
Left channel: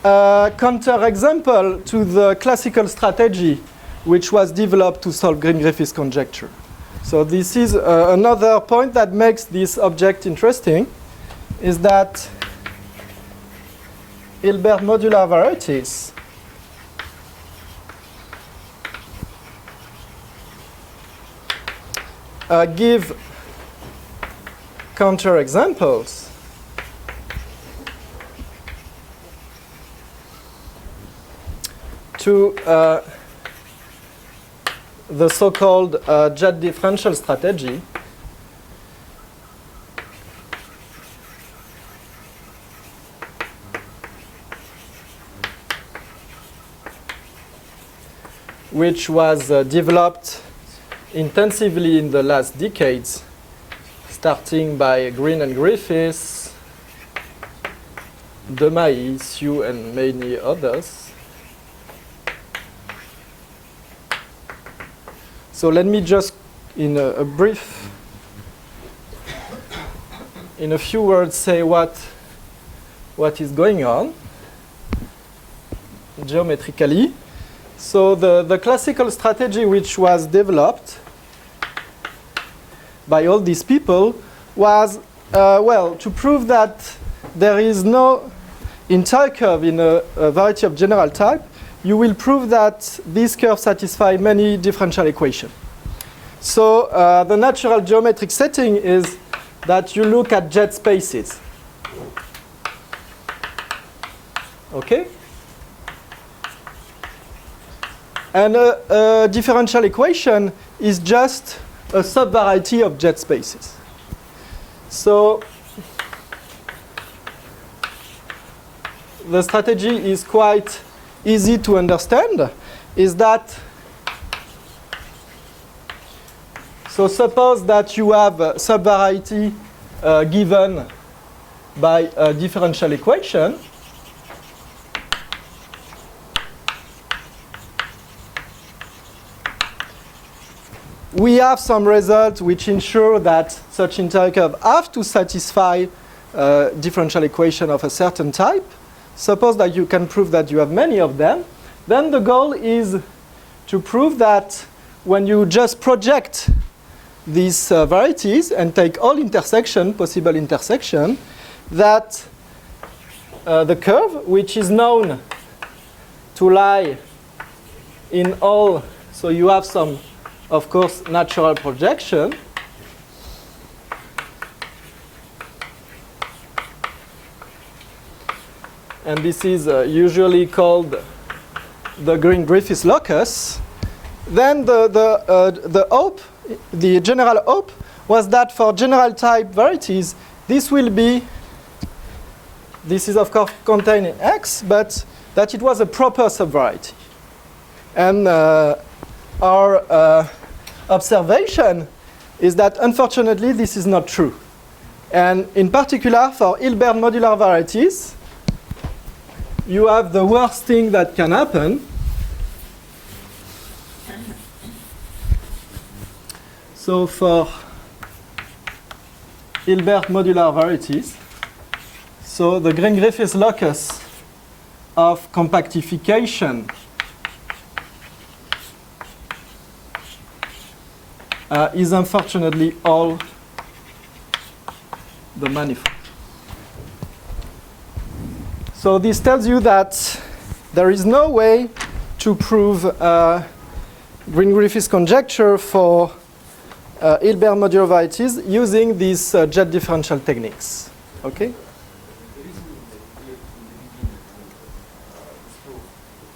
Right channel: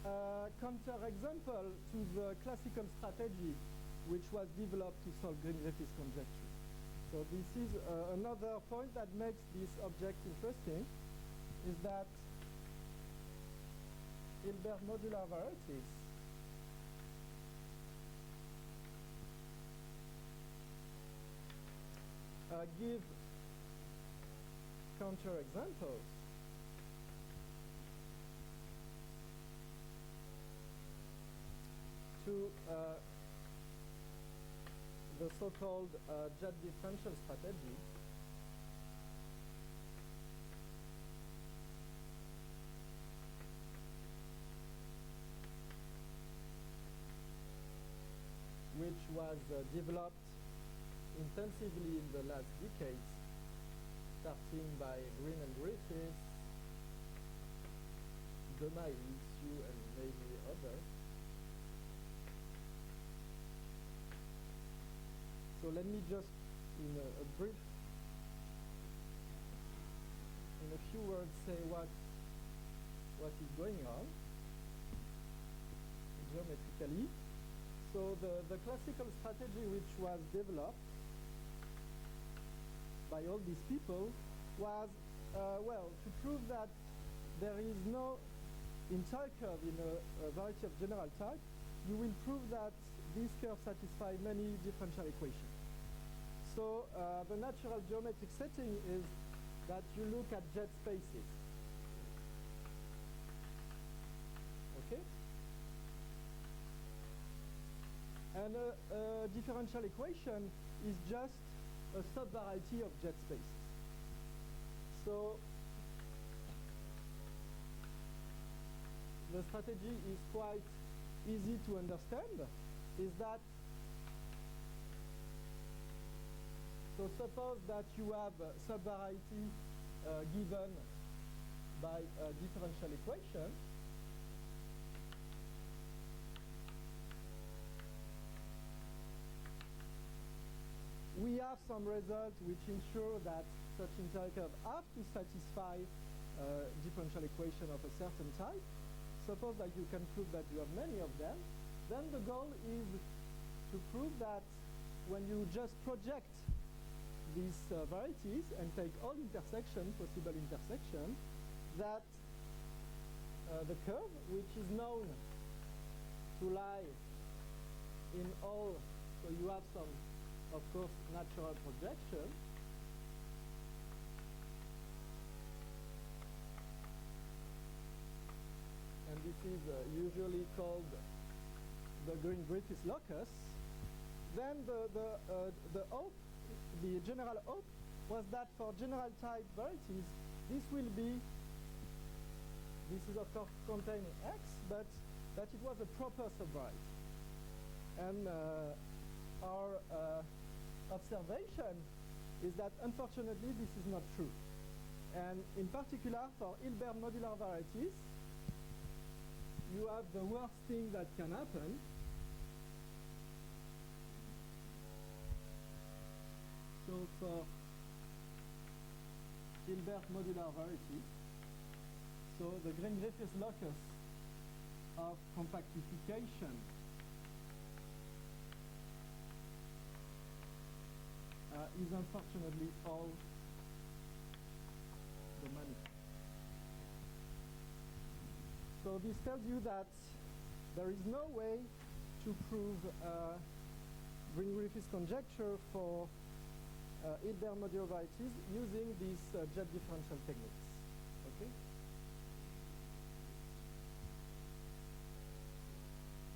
a counterexample to the classical strategy which was developed to solve Green-Griffiths conjecture. So this is another point that makes this object interesting, is that Hilbert modular varieties give counterexamples to the so-called jet differential strategy, which was developed intensively in the last decades, starting by Green and Griffiths, Demailly, Hsu, and many others. So let me just, in a few words, say what is going on geometrically. So the classical strategy which was developed by all these people was, well, to prove that there is no entire curve in a variety of general type, you will prove that these curves satisfy many differential equations. So the natural geometric setting is that you look at jet spaces. Okay? And a differential equation is just a subvariety of jet spaces. So the strategy is quite easy to understand, is that, so suppose that you have a subvariety given by a differential equation. We have some results which ensure that such interior curves have to satisfy differential equation of a certain type. Suppose that you can prove that you have many of them. Then the goal is to prove that when you just project these varieties and take all possible intersection, that the curve, which is known to lie in all, so you have some, of course, natural projection. And this is usually called the Green-Griffiths locus. Then the hope, the general hope, was that for general type varieties, this will be, this is of course contained in X, but that it was a proper subvariety. And our observation is that unfortunately this is not true. And in particular for Hilbert modular varieties, you have the worst thing that can happen. So for Hilbert modular varieties, so the Green-Griffiths locus of compactification is unfortunately all the manifold. So this tells you that there is no way to prove Green-Griffiths conjecture for Hilbert modular varieties using these jet differential techniques. Okay?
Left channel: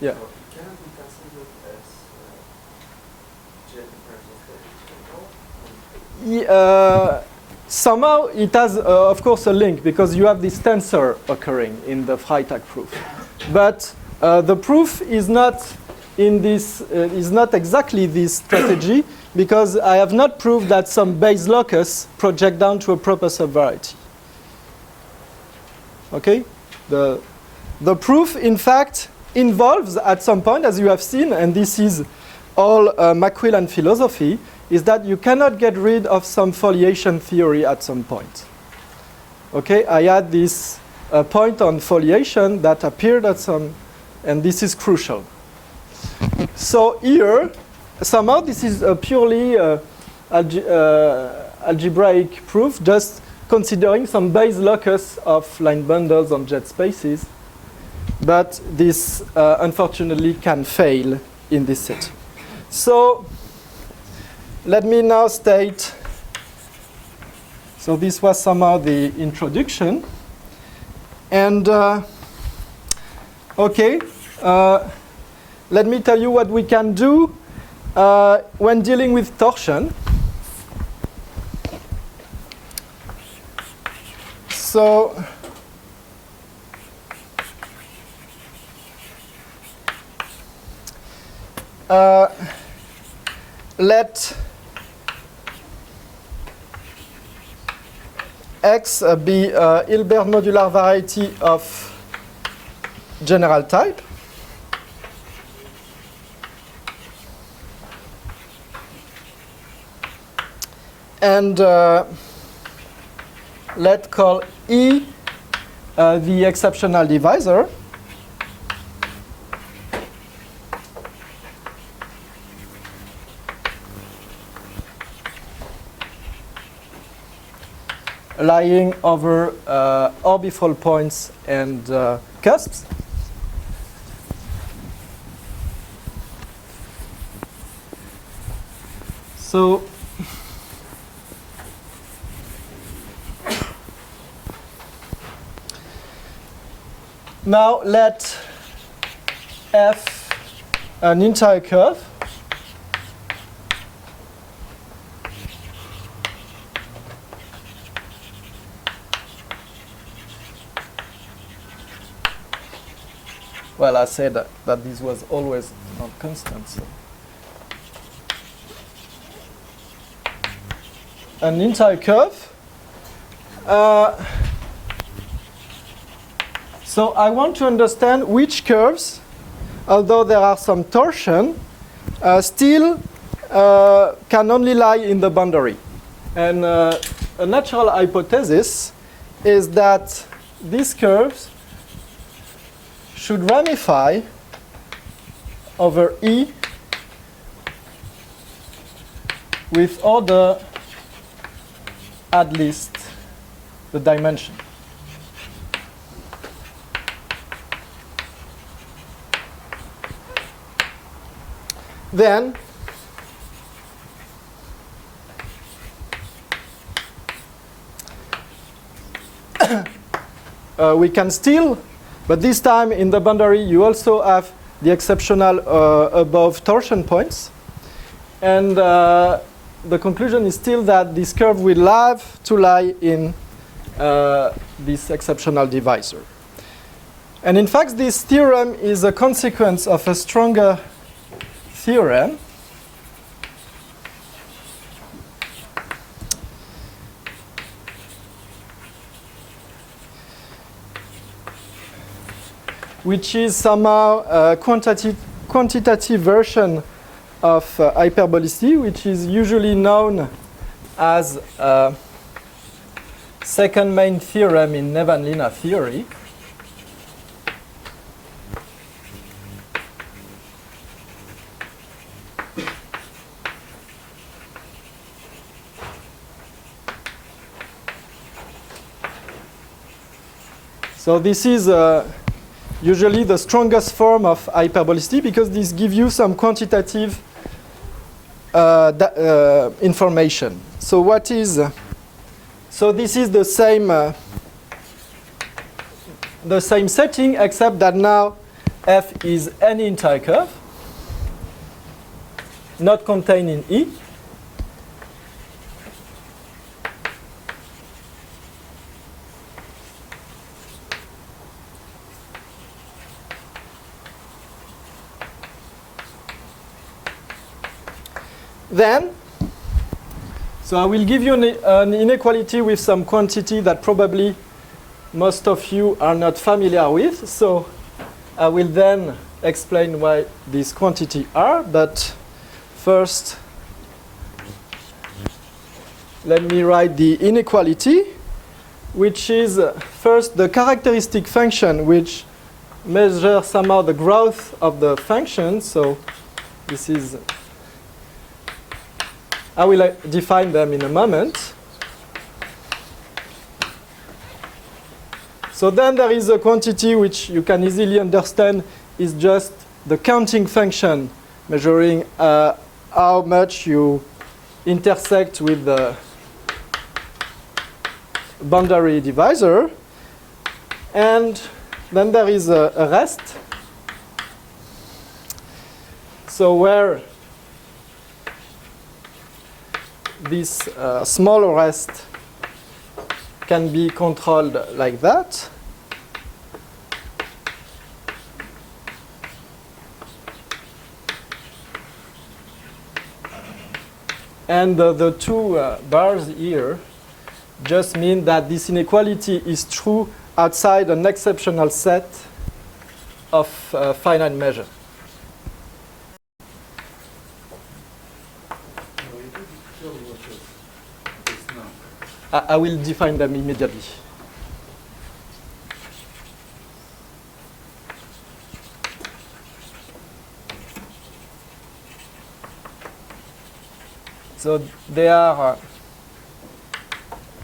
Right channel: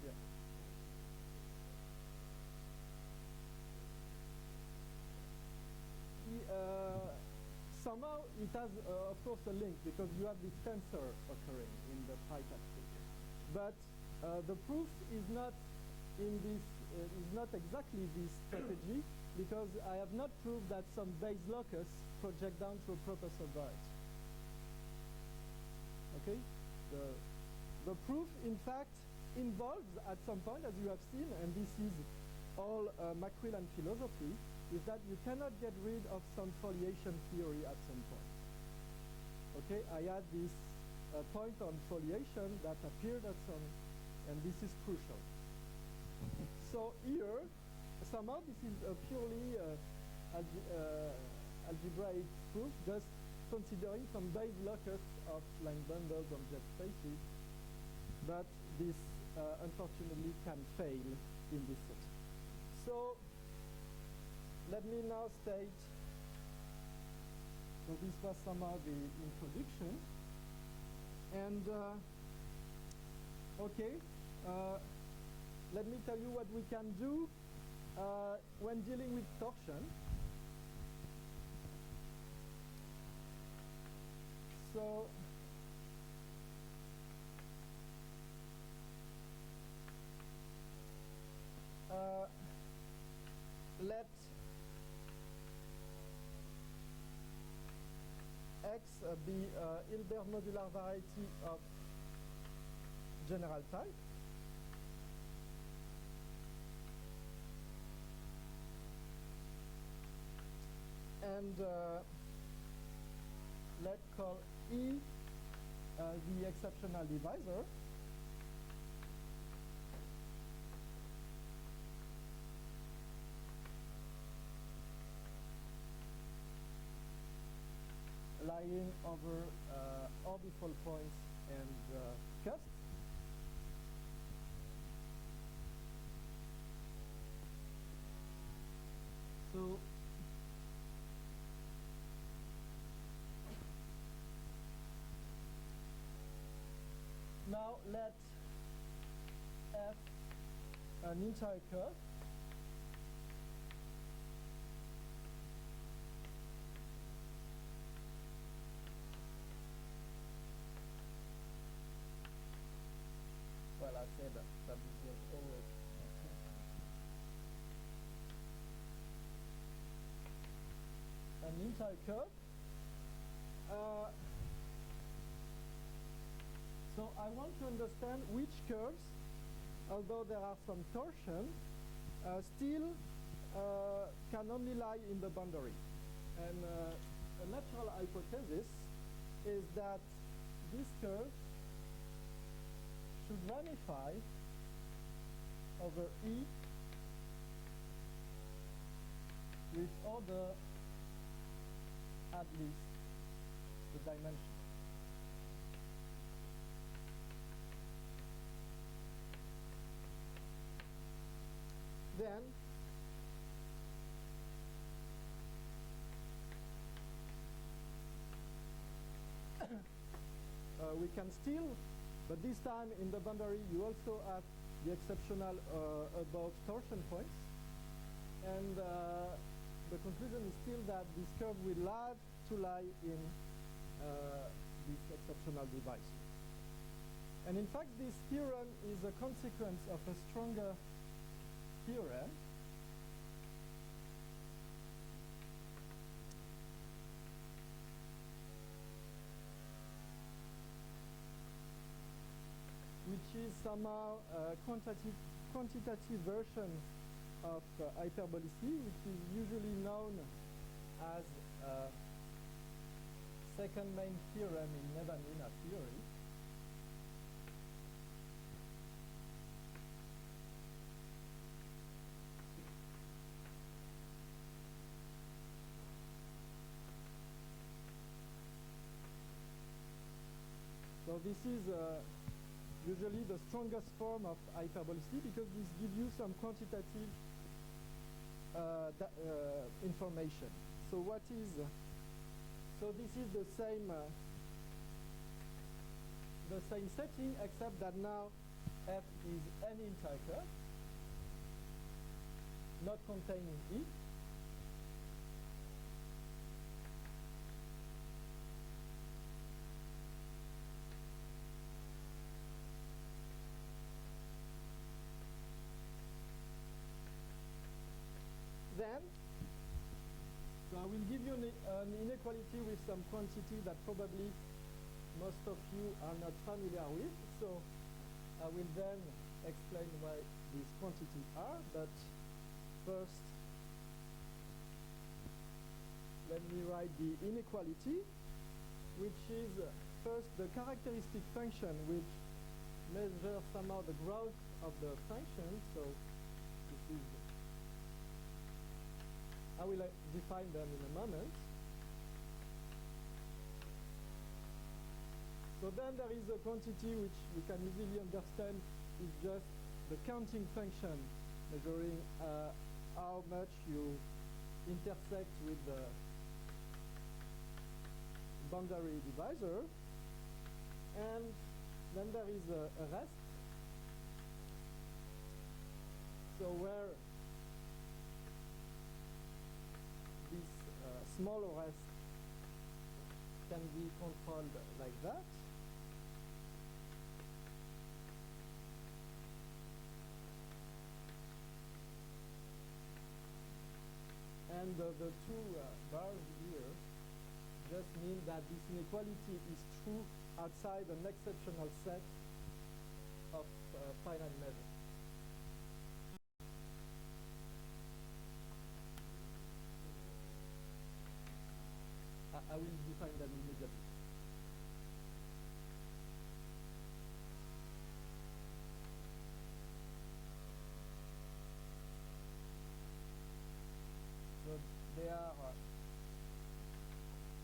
Yeah. Cannot be considered as jet differential techniques. Somehow it has, of course, a link because you have this tensor occurring in the Freytag proof. But the proof is not in this, is not exactly this strategy because I have not proved that some base locus project down to a proper subvariety. Okay? The proof, in fact, involves at some point, as you have seen, and this is all Macquillan philosophy, is that you cannot get rid of some foliation theory at some point. Okay, I had this point on foliation that appeared at some, and this is crucial. So here, somehow this is a purely algebraic proof, just considering some base locus of line bundles on jet spaces. But this, unfortunately, can fail in this setting. So let me now state, so this was somehow the introduction. And, okay, let me tell you what we can do when dealing with torsion. So, let X be a Hilbert modular variety of general type. And let's call E the exceptional divisor. Lying over orbifold points and cusps. So now let F an entire curve well, I said that this was always not constant. So. An entire curve. So I want to understand which curves, although there are some torsion, still can only lie in the boundary. And a natural hypothesis is that these curves should ramify over E with order at least the dimension. Then we can still, but this time in the boundary you also have the exceptional above torsion points. And the conclusion is still that this curve will have to lie in this exceptional divisor. And in fact, this theorem is a consequence of a stronger theorem which is somehow a quantitative version of hyperbolicity, which is usually known as second main theorem in Nevanlina theory. So this is usually the strongest form of hyperbolicity because this gives you some quantitative information. So what is? So this is the same setting, except that now f is any entire curve, not contained in E. Then, so I will give you an inequality with some quantity that probably most of you are not familiar with. So I will then explain why these quantities are. But first, let me write the inequality, which is first the characteristic function which measures somehow the growth of the function. So this is, I will define them in a moment. So then there is a quantity which you can easily understand is just the counting function measuring how much you intersect with the boundary divisor. And then there is a rest. So where this small rest can be controlled like that. And the two bars here just mean that this inequality is true outside an exceptional set of finite measure. I will define them immediately. So they are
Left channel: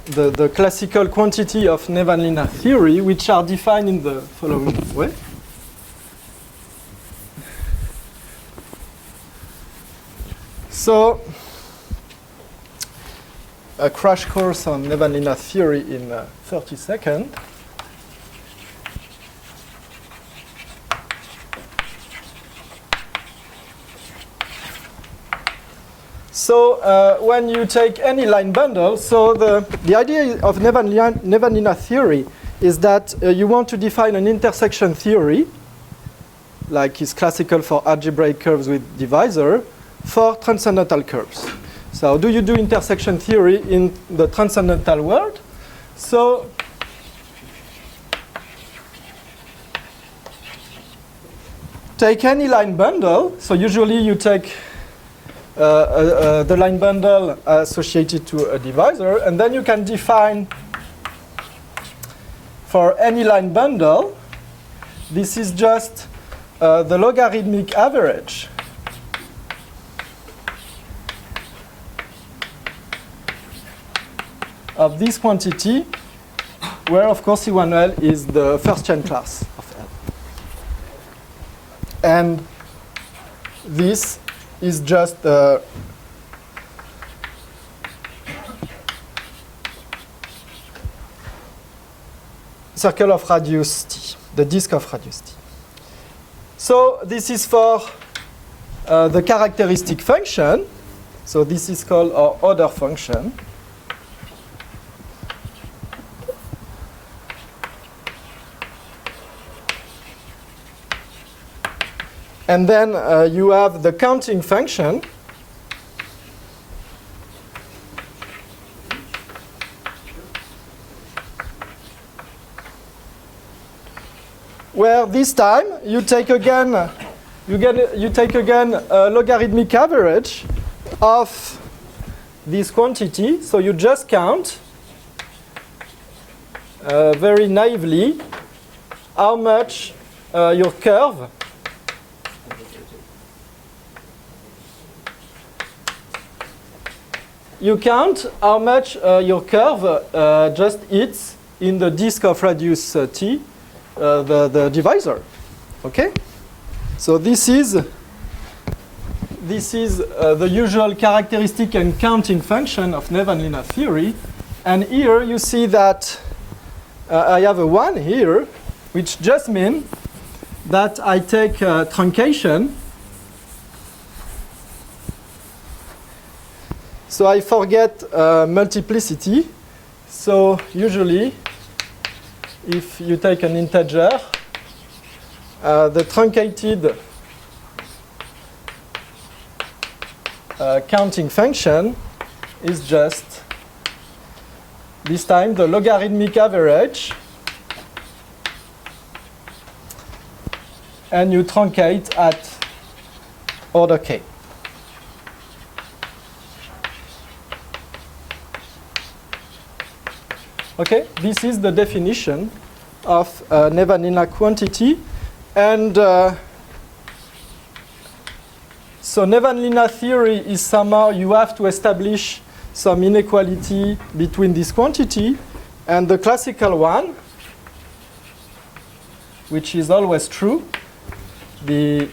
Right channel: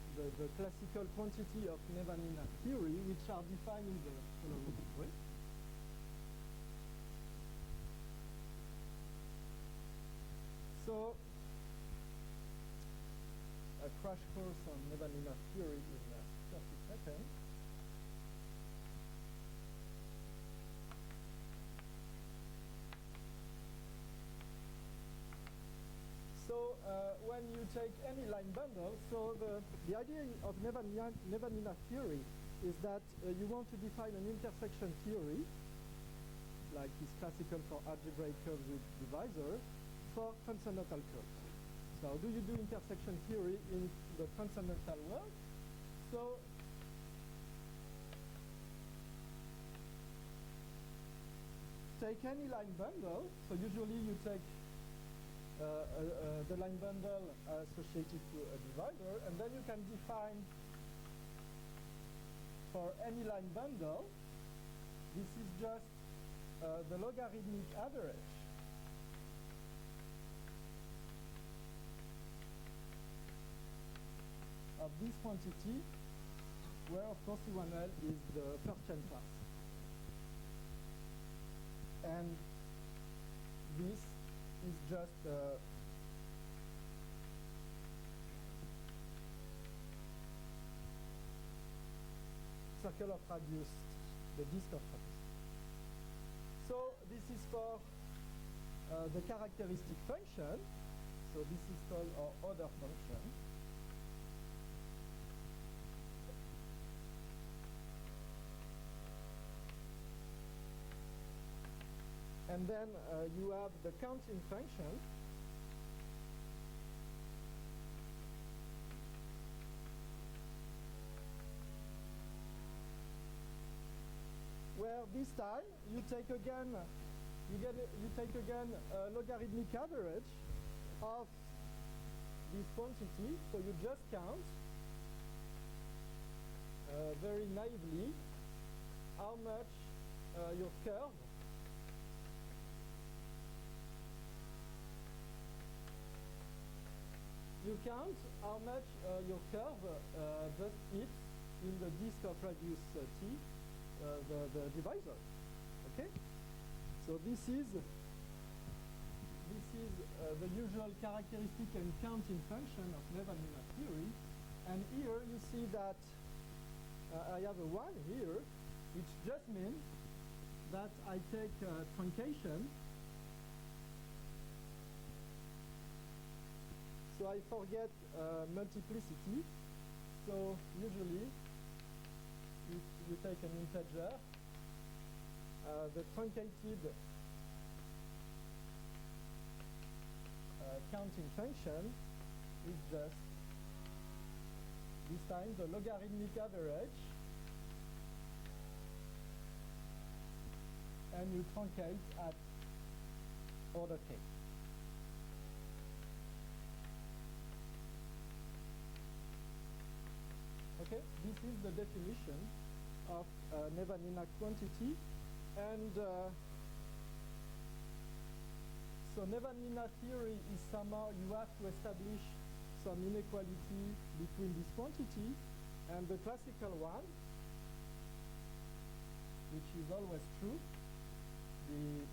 the classical quantity of Nevanlina theory, which are defined in the following way. So a crash course on Nevanlina theory in 30 seconds. So when you take any line bundle, so the idea of Nevanlinna theory is that you want to define an intersection theory, like is classical for algebraic curves with divisor, for transcendental curves. So do you do intersection theory in the transcendental world? So take any line bundle. So usually you take the line bundle associated to a divisor, and then you can define for any line bundle, this is just the logarithmic average of this quantity, where of course C1L is the first chain class of L. And this is just the circle of radius T, the disk of radius T. So this is for the characteristic function. So this is called our order function. And then you have the counting function, where this time you take again a logarithmic average of this quantity. So you just count very naively how much your curve you count how much your curve just hits in the disk of radius T, the divisor. Okay? So this is the usual characteristic and counting function of Nevanlinna theory. And here you see that I have a 1 here, which just means that I take truncation. So I forget multiplicity. So usually, if you take an integer, the truncated counting function is just, this time, the logarithmic average. And you truncate at order k. Okay, this is the definition of Nevanlinna quantity. And so Nevanlinna theory is somehow you have to establish some inequality between this quantity and the classical one, which is always true, the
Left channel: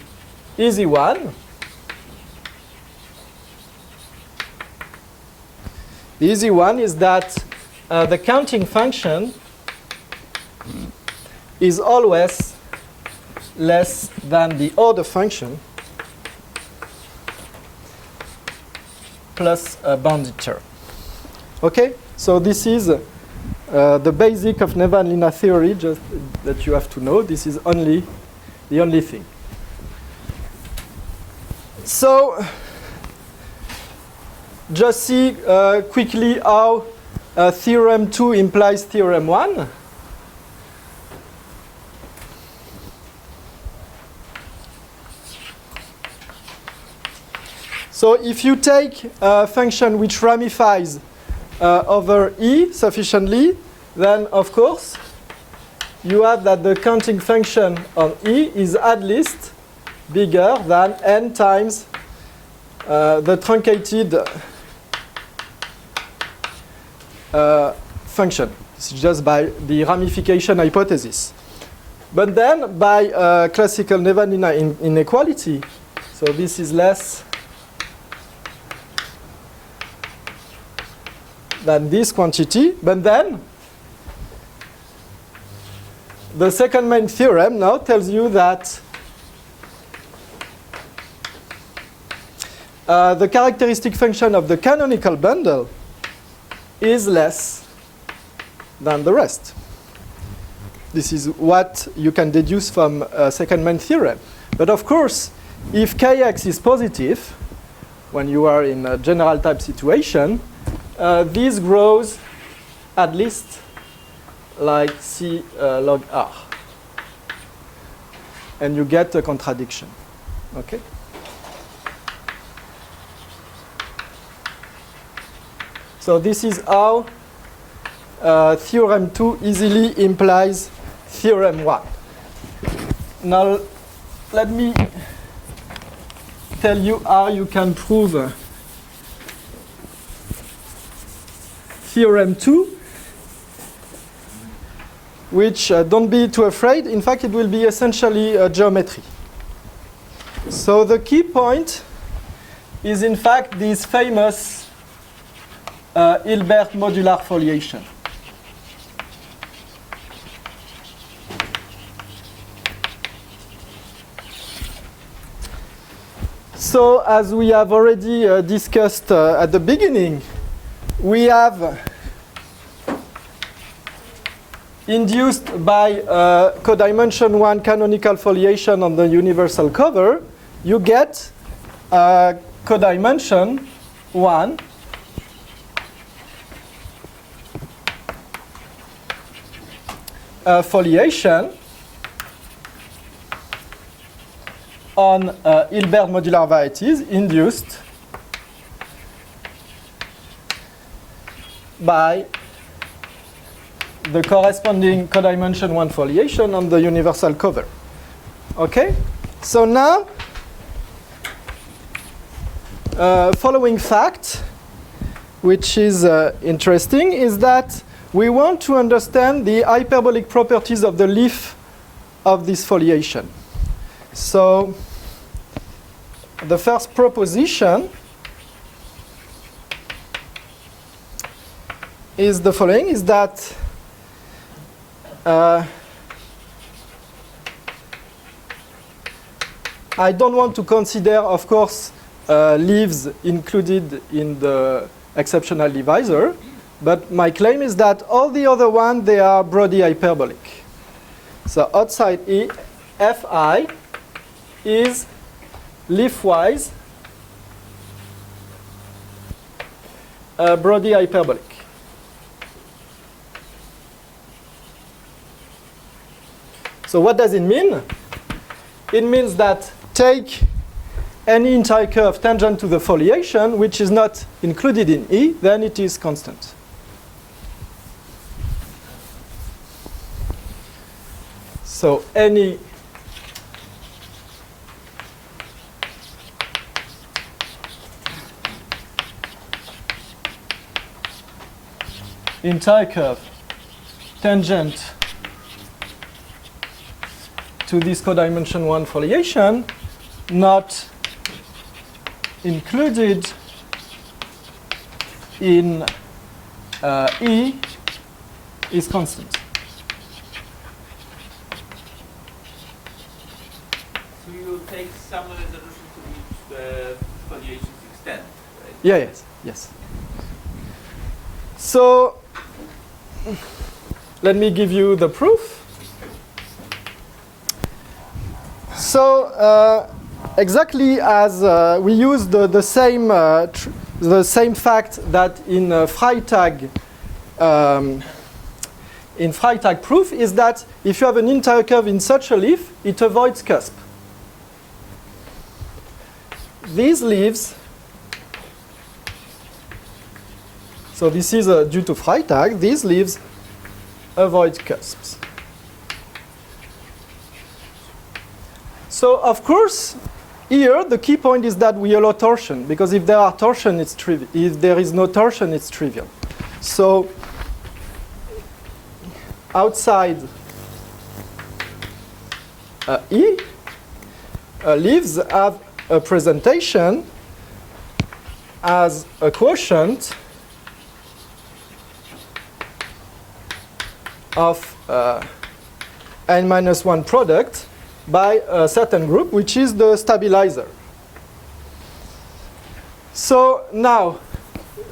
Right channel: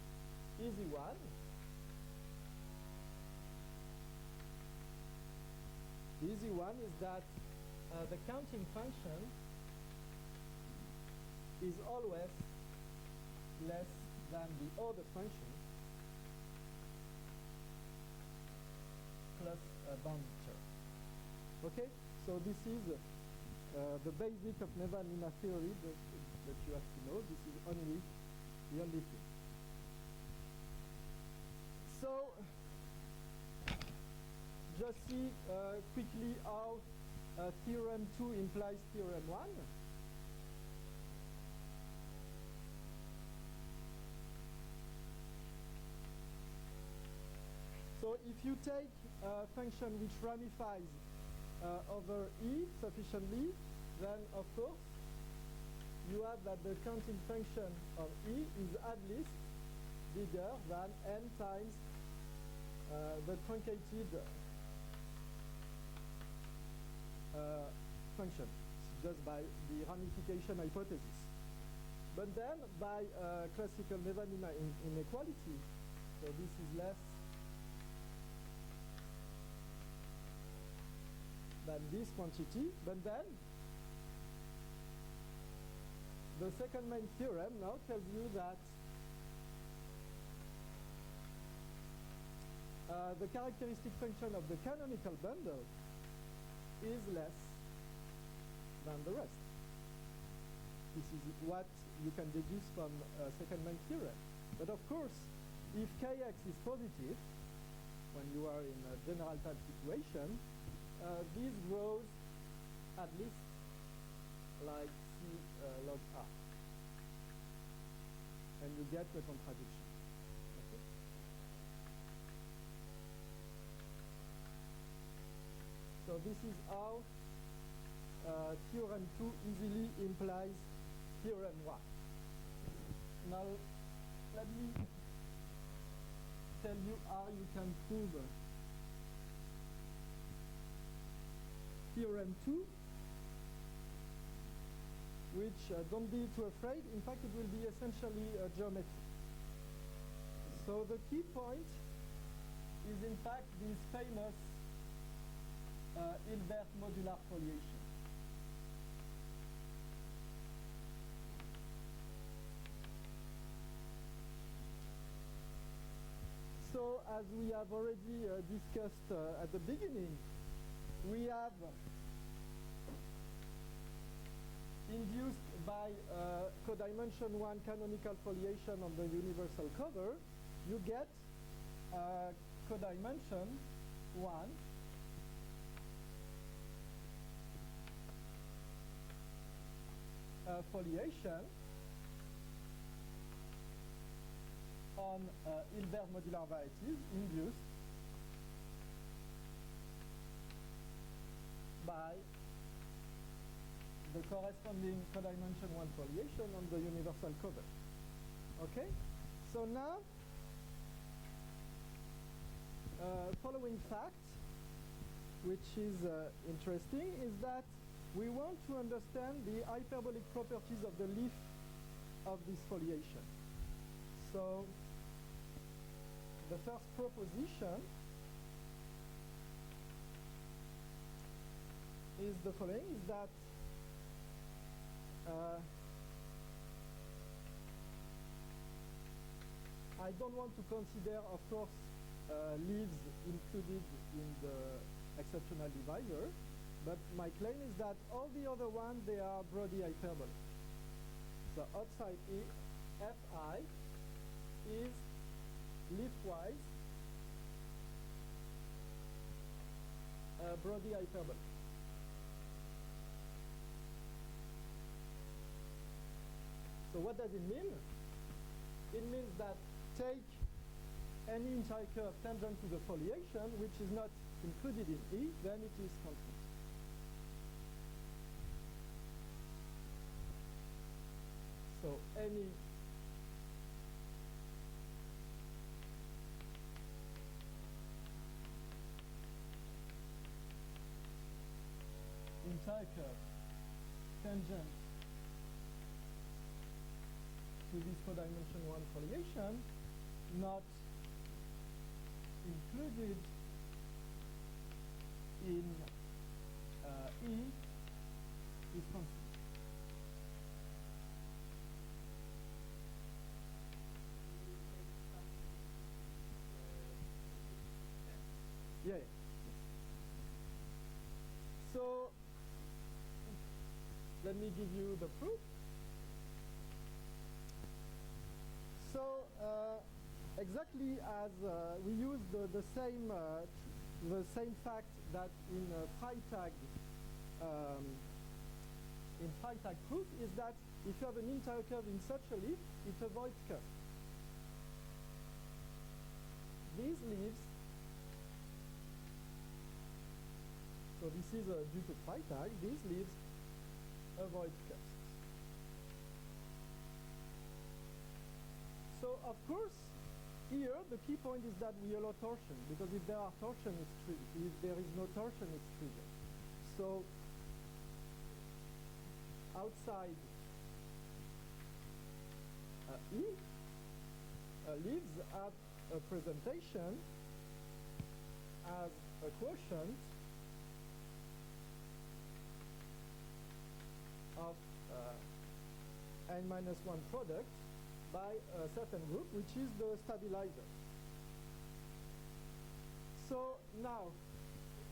easy one. The easy one is that the counting function is always less than the order function plus a bounded term. Okay? So this is the basic of Nevanlinna theory, just that you have to know. This is the only thing. So just see quickly how theorem 2 implies theorem 1. So if you take a function which ramifies over E sufficiently, then of course you have that the counting function on E is at least bigger than n times the truncated function. This is just by the ramification hypothesis. But then by classical Nevanlinna inequality, so this is less than this quantity. But then the second main theorem now tells you that the characteristic function of the canonical bundle is less than the rest. This is what you can deduce from second-main theorem. But of course, if Kx is positive, when you are in a general type situation, this grows at least like C log R. And you get a contradiction. Okay? So this is how theorem 2 easily implies theorem 1. Now, let me tell you how you can prove theorem 2, which don't be too afraid. In fact, it will be essentially geometry. So the key point is, in fact, this famous Hilbert modular foliation. So as we have already discussed at the beginning, we have induced by codimension 1 canonical foliation on the universal cover, you get codimension 1 foliation on Hilbert modular varieties induced by the corresponding codimension 1 foliation on the universal cover. Okay? So now, following fact, which is interesting, is that we want to understand the hyperbolic properties of the leaf of this foliation. So the first proposition is the following, is that I don't want to consider, of course, leaves included in the exceptional divisor, but my claim is that all the other ones, they are Brody hyperbolic. So outside E, Fi is leaf-wise Brody hyperbolic. So what does it mean? It means that take any entire curve tangent to the foliation, which is not included in E, then it is constant. So any entire curve tangent to this codimension 1 foliation not included in E is constant. So you take some resolution to which the foliations extend, right? Yeah, yes, yes. So let me give you the proof. So exactly as we use the same fact that in Freytag proof is that if you have an entire curve in such a leaf, it avoids cusp. These leaves, so this is due to Freytag, these leaves avoid cusps. So of course, here the key point is that we allow torsion, because if there are torsion, it's trivial. If there is no torsion, it's trivial. So outside E, leaves have a presentation as a quotient of n-1 product by a certain group, which is the stabilizer. So now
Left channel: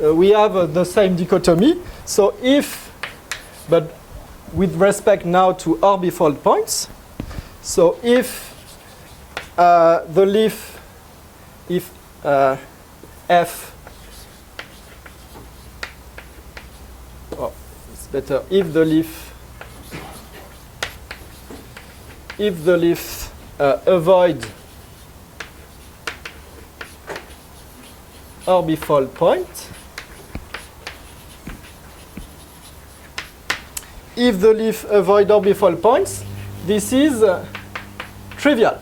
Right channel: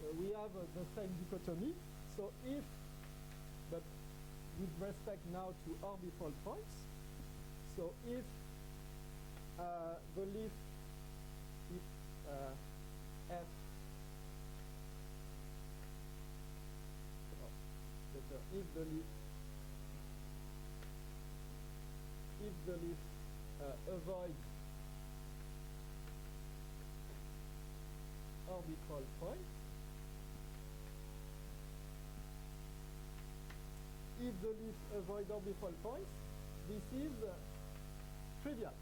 we have the same dichotomy. So if, but with respect now to orbifold points, so if the leaf, if F, oh, it's better, if the leaf avoid orbifold point, if the leaf avoid orbifold points, this is trivial,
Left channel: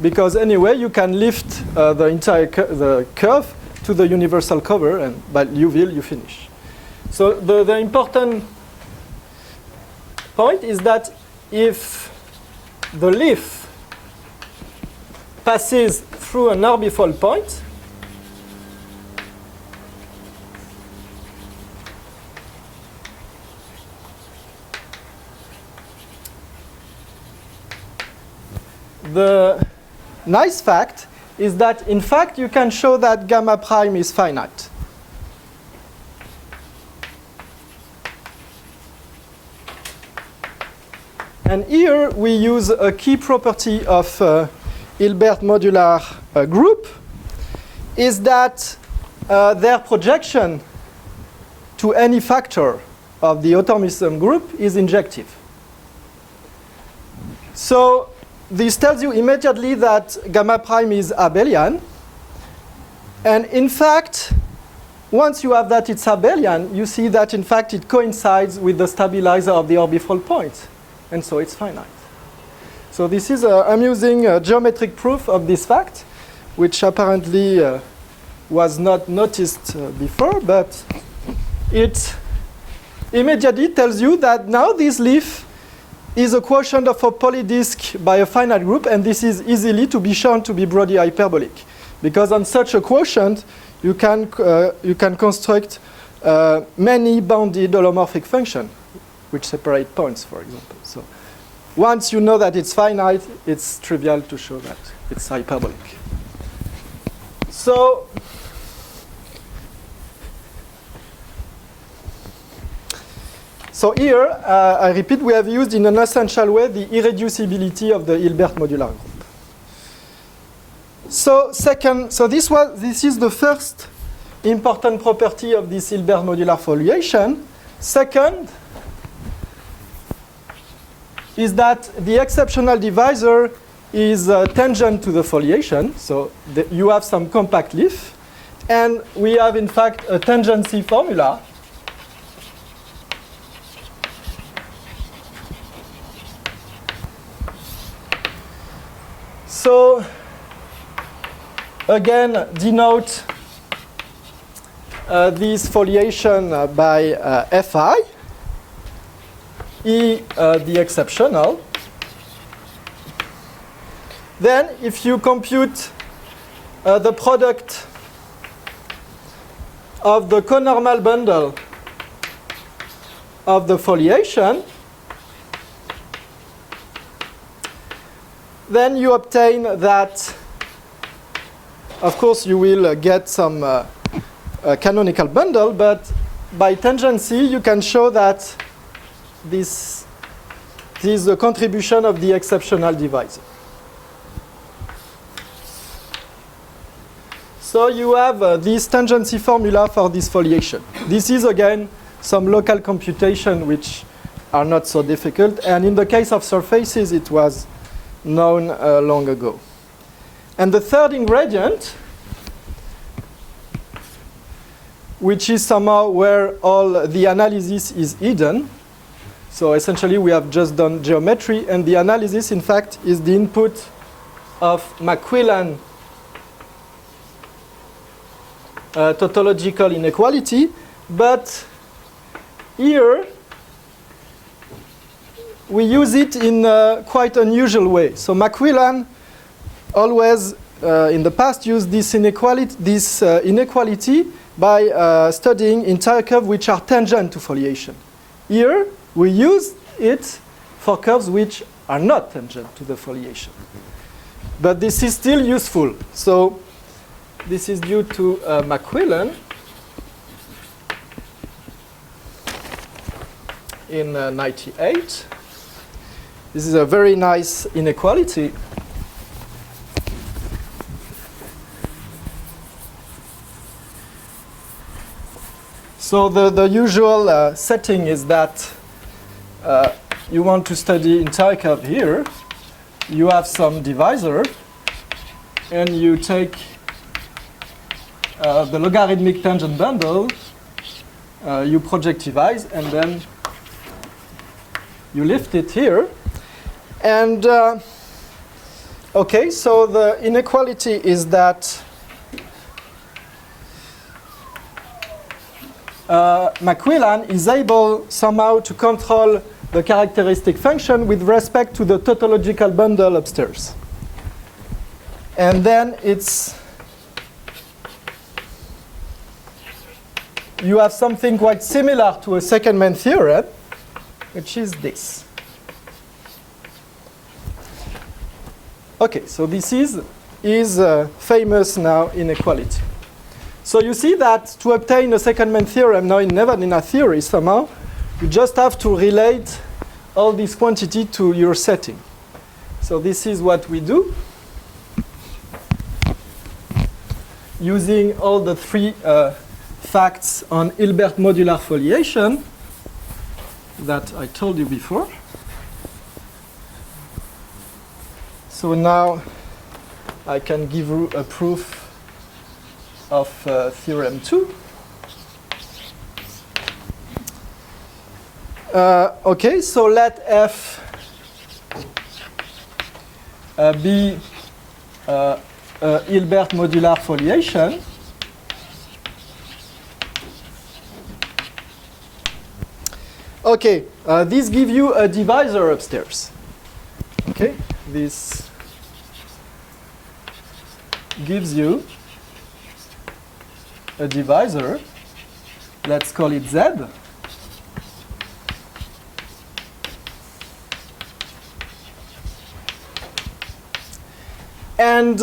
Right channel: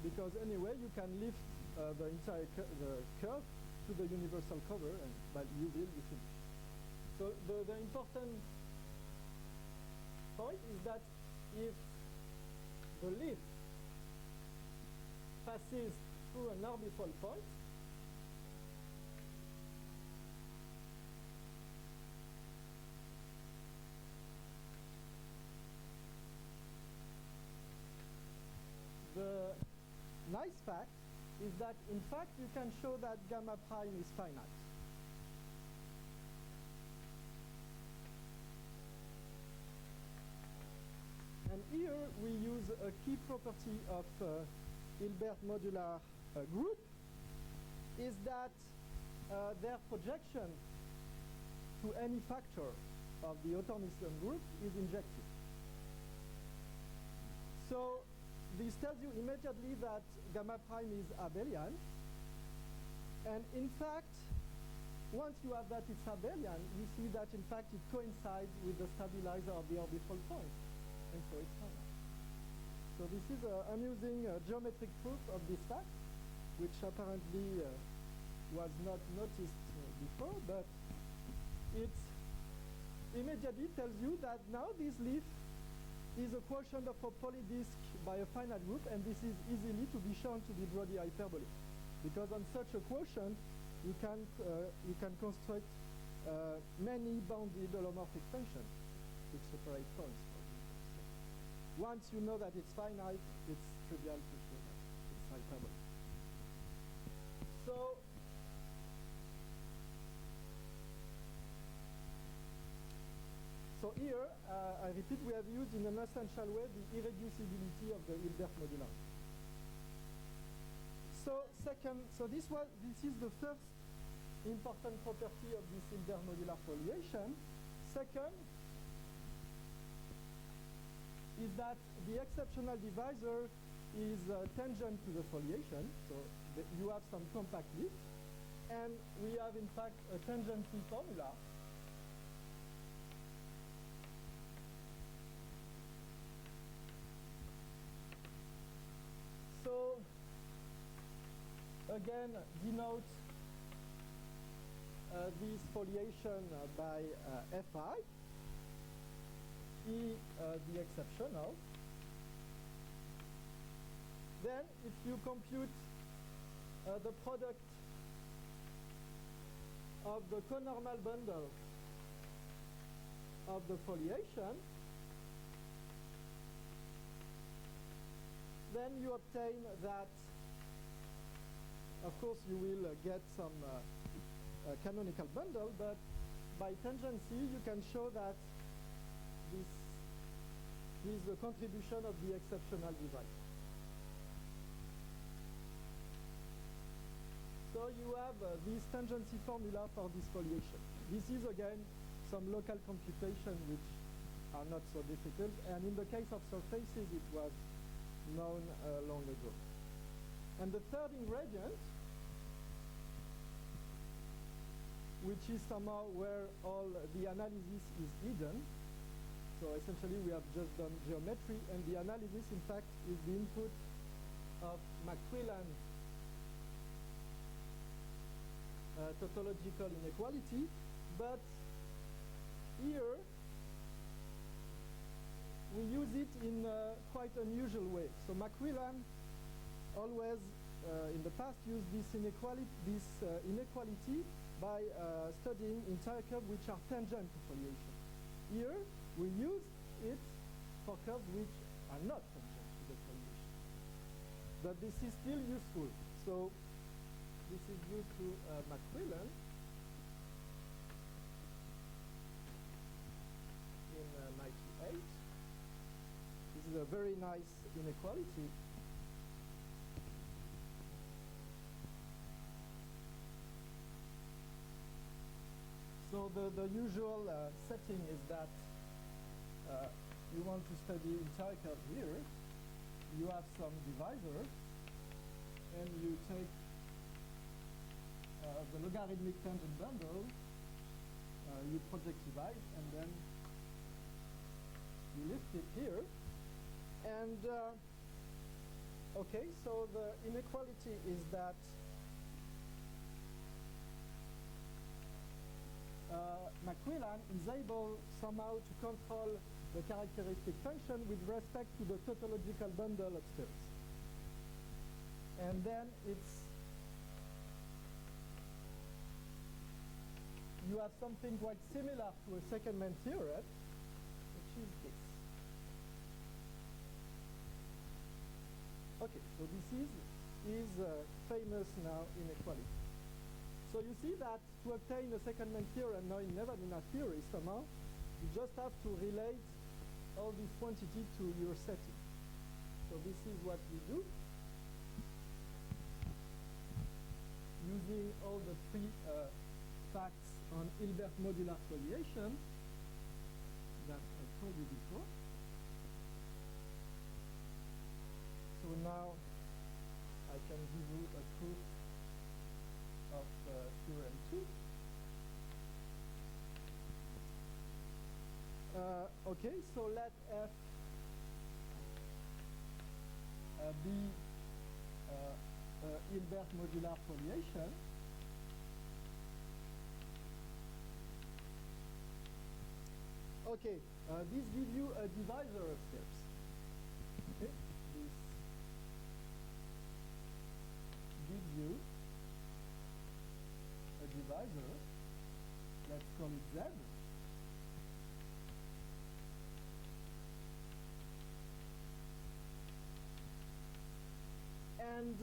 because anyway you can lift the entire the curve to the universal cover, and by Liouville you finish. So the important point is that if the leaf passes through an orbifold point, the nice fact is that, in fact, you can show that gamma prime is finite. And here we use a key property of Hilbert modular group, is that their projection to any factor of the automorphism group is injective. So this tells you immediately that gamma prime is abelian. And in fact, once you have that it's abelian, you see that in fact it coincides with the stabilizer of the orbifold point. And so it's finite. So this is an amusing geometric proof of this fact, which apparently was not noticed before, but it immediately tells you that now this leaf is a quotient of a polydisk by a finite group, and this is easily to be shown to be Brody hyperbolic. Because on such a quotient, you can construct many bounded holomorphic functions, which separate points, for example. So once you know that it's finite, it's trivial to show that it's hyperbolic. So here, I repeat, we have used in an essential way the irreducibility of the Hilbert modular group. So this is the first important property of this Hilbert modular foliation. Second is that the exceptional divisor is tangent to the foliation. So you have some compact leaf. And we have, in fact, a tangency formula. So again, denote this foliation by Fi, E the exceptional. Then if you compute the product of the conormal bundle of the foliation, then you obtain that, of course, you will get some canonical bundle, but by tangency, you can show that this is the contribution of the exceptional divisor. So you have this tangency formula for this foliation. This is, again, some local computation which are not so difficult. And in the case of surfaces, it was known long ago. And the third ingredient, which is somehow where all the analysis is hidden. So essentially, we have just done geometry, and the analysis, in fact, is the input of Macquillan tautological inequality. But here, we use it in a quite unusual way. So Macquillan always, in the past, used this inequality by studying entire curves which are tangent to foliation. Here, we use it for curves which are not tangent to the foliation. But this is still useful. So this is due to Macquillan in 98. This is a very nice inequality. So the usual setting is that you want to study entire curve here. You have some divisor, and you take the logarithmic tangent bundle, you projectivize, and then you lift it here. And okay, so the inequality is that Macquillan is able somehow to control the characteristic function with respect to the tautological bundle upstairs. And then you have something quite similar to a second-man theorem, which is this. Okay, so this is famous now inequality. So you see that to obtain a second-man theorem now in Nevanlinna theory somehow, you just have to relate all this quantity to your setting. So this is what we do, using all the three facts on Hilbert modular foliation that I told you before. So now I can give you a proof of theorem 2. Okay, so let F be Hilbert modular foliation. Okay, this gives you a divisor upstairs. Okay, this gives you a divisor. Let's call it Z. And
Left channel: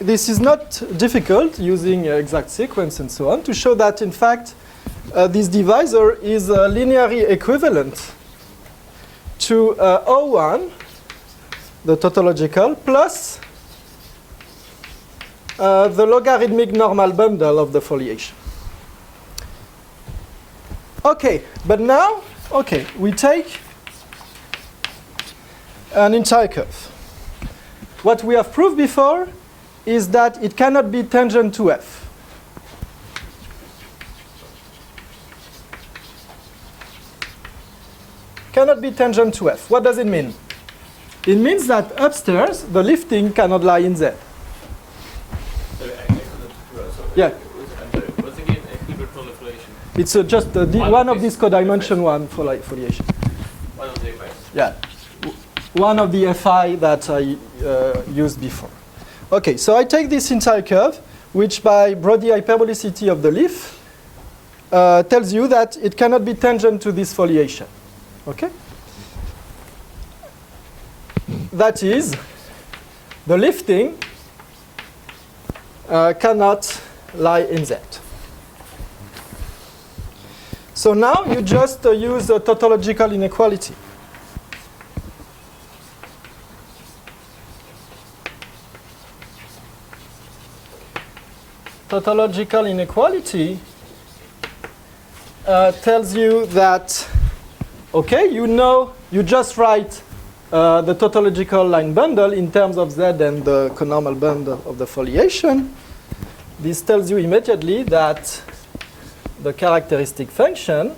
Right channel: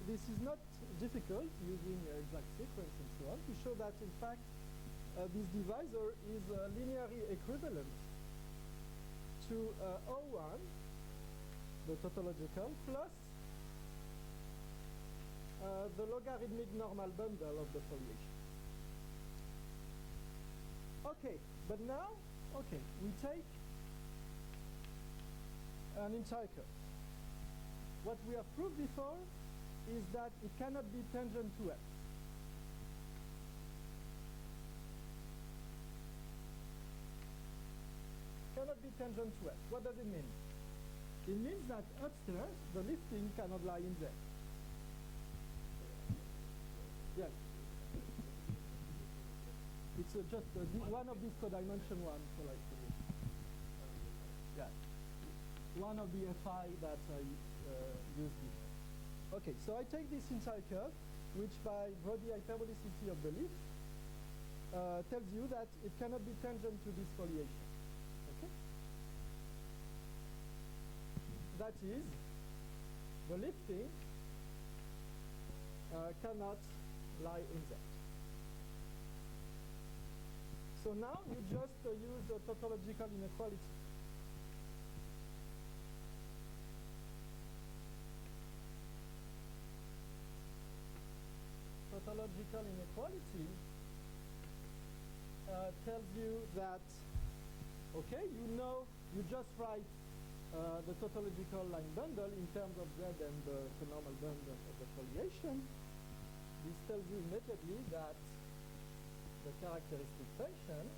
this is not difficult using exact sequence and so on to show that, in fact, this divisor is linearly equivalent to O1, the tautological, plus the logarithmic normal bundle of the foliation. Okay, but now, okay, we take an entire curve. What we have proved before is that it cannot be tangent to F. Cannot be tangent to F. What does it mean? It means that upstairs, the lifting cannot lie in Z. Sorry, I couldn't. Yeah. What's again a Hilbert modular foliation? It's just one of these codimension one foliation. One of the effects. Yeah. One of the FI that I used before. Okay, so I take this entire curve, which by Brody hyperbolicity of the leaf tells you that it cannot be tangent to this foliation. Okay? That is, the lifting cannot lie in Z. So now you just use a tautological inequality. Tautological inequality tells you that, okay, you know, you just write the tautological line bundle in terms of Z and the conormal bundle of the foliation. This tells you immediately that the characteristic function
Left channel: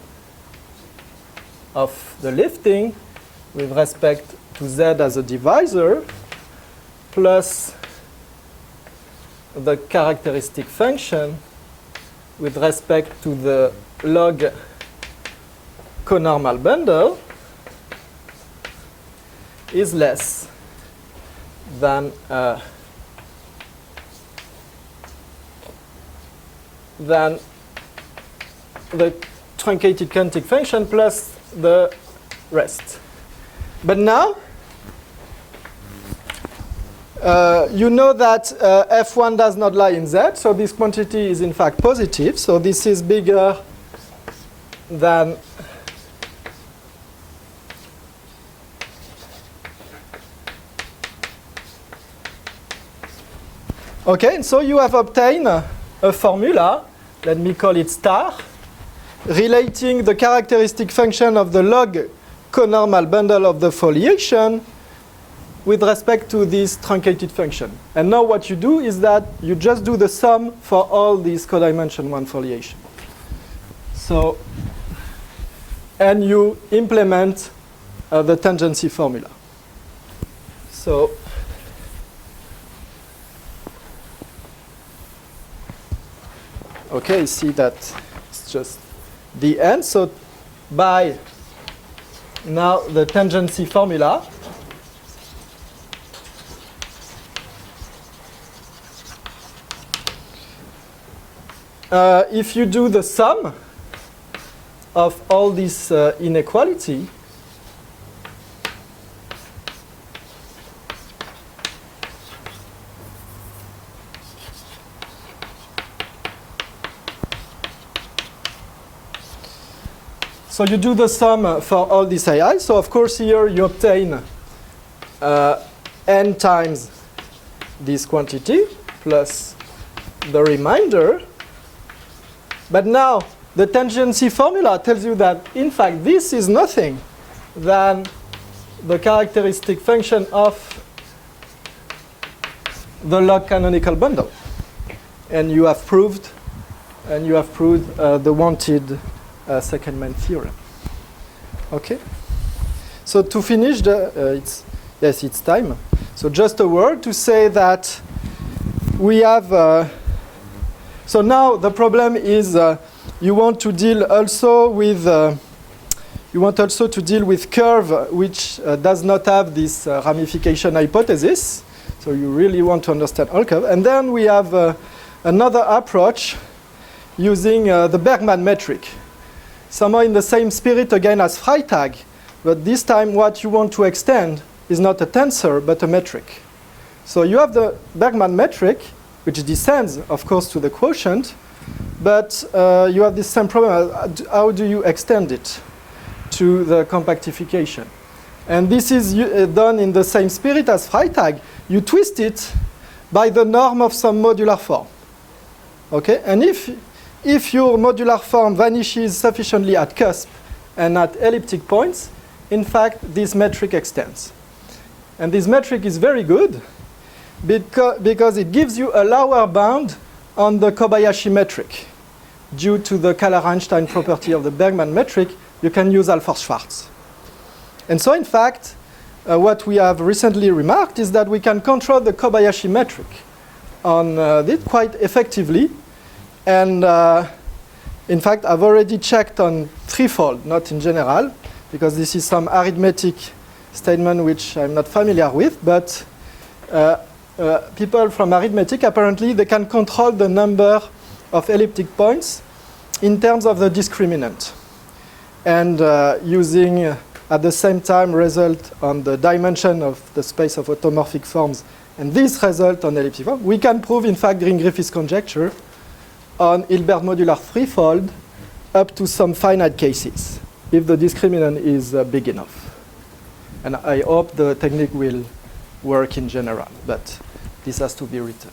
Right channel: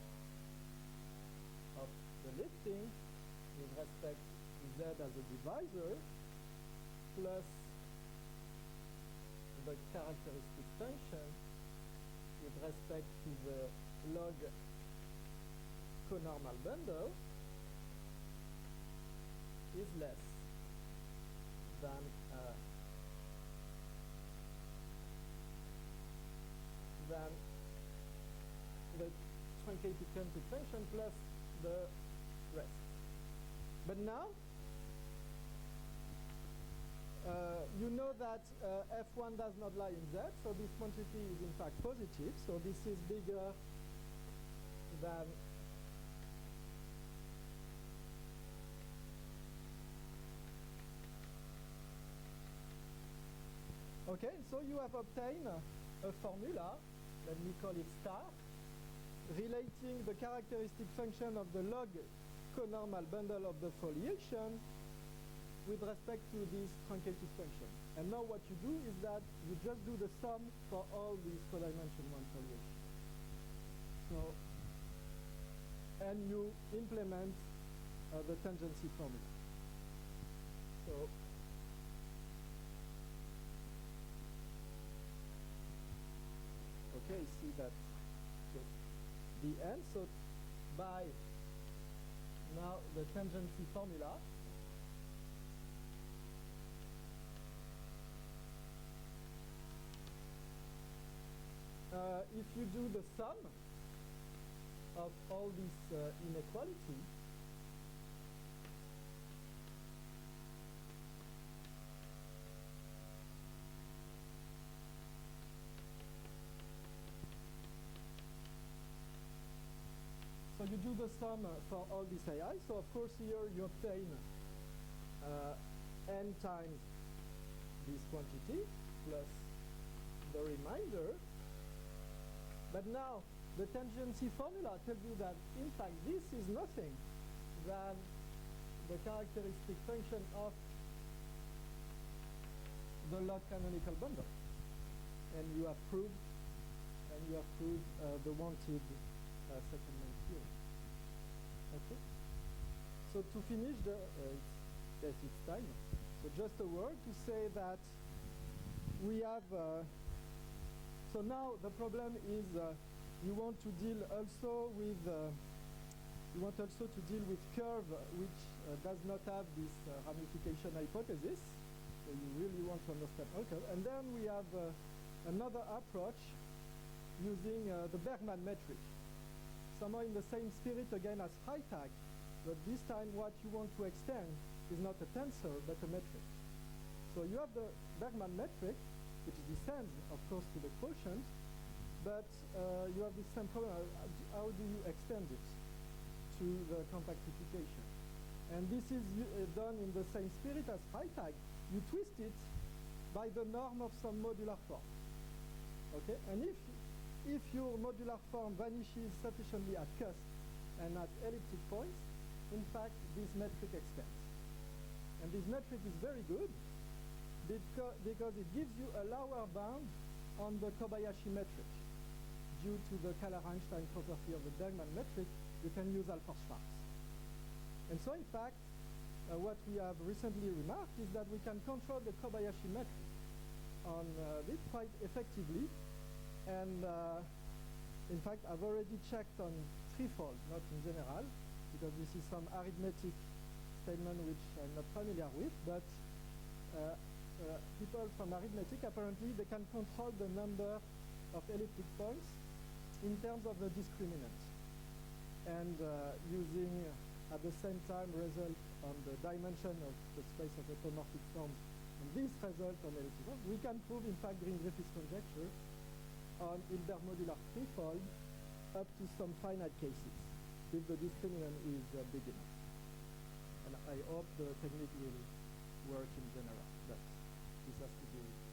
of the lifting with respect to Z as a divisor plus the characteristic function with respect to the log conormal bundle is less than the truncated cantic function plus the rest. But now, you know that f1 does not lie in Z, so this quantity is in fact positive. So this is bigger than okay, and so you have obtained a formula, let me call it star, relating the characteristic function of the log conormal bundle of the foliation with respect to this truncated function. And now what you do is that you just do the sum for all these codimension 1 foliation. So, and you implement the tangency formula. So, okay, see that it's just the end. So by now the tangency formula, if you do the sum of all this inequality, so you do the sum for all these AI. So of course here you obtain n times this quantity plus the remainder. But now the tangency formula tells you that in fact this is nothing than the characteristic function of the log canonical bundle. And you have proved the wanted second-man theorem. Okay. So to finish, it's time. So just a word to say that we have. So now the problem is you want to deal also with curve which does not have this ramification hypothesis. So you really want to understand all curve. And then we have another approach using the Bergman metric. Somehow in the same spirit again as Freytag, but this time what you want to extend is not a tensor but a metric. So you have the Bergman metric, which descends, of course, to the quotient, but you have this same problem. How do you extend it to the compactification? And this is done in the same spirit as Freytag. You twist it by the norm of some modular form. Okay? And if your modular form vanishes sufficiently at cusp and at elliptic points, in fact, this metric extends. And this metric is very good because it gives you a lower bound on the Kobayashi metric. Due to the Kähler-Einstein property of the Bergman metric, you can use Alford-Schwarz. And so, in fact, what we have recently remarked is that we can control the Kobayashi metric on it quite effectively. And in fact, I've already checked on threefold, not in general, because this is some arithmetic statement which I'm not familiar with. But people from arithmetic, apparently, they can control the number of elliptic points in terms of the discriminant. And using, at the same time, result on the dimension of the space of automorphic forms, and this result on elliptic form, we can prove, in fact, Green-Griffiths conjecture on Hilbert modular threefold up to some finite cases, if the discriminant is big enough. And I hope the technique will work in general, but this has to be written.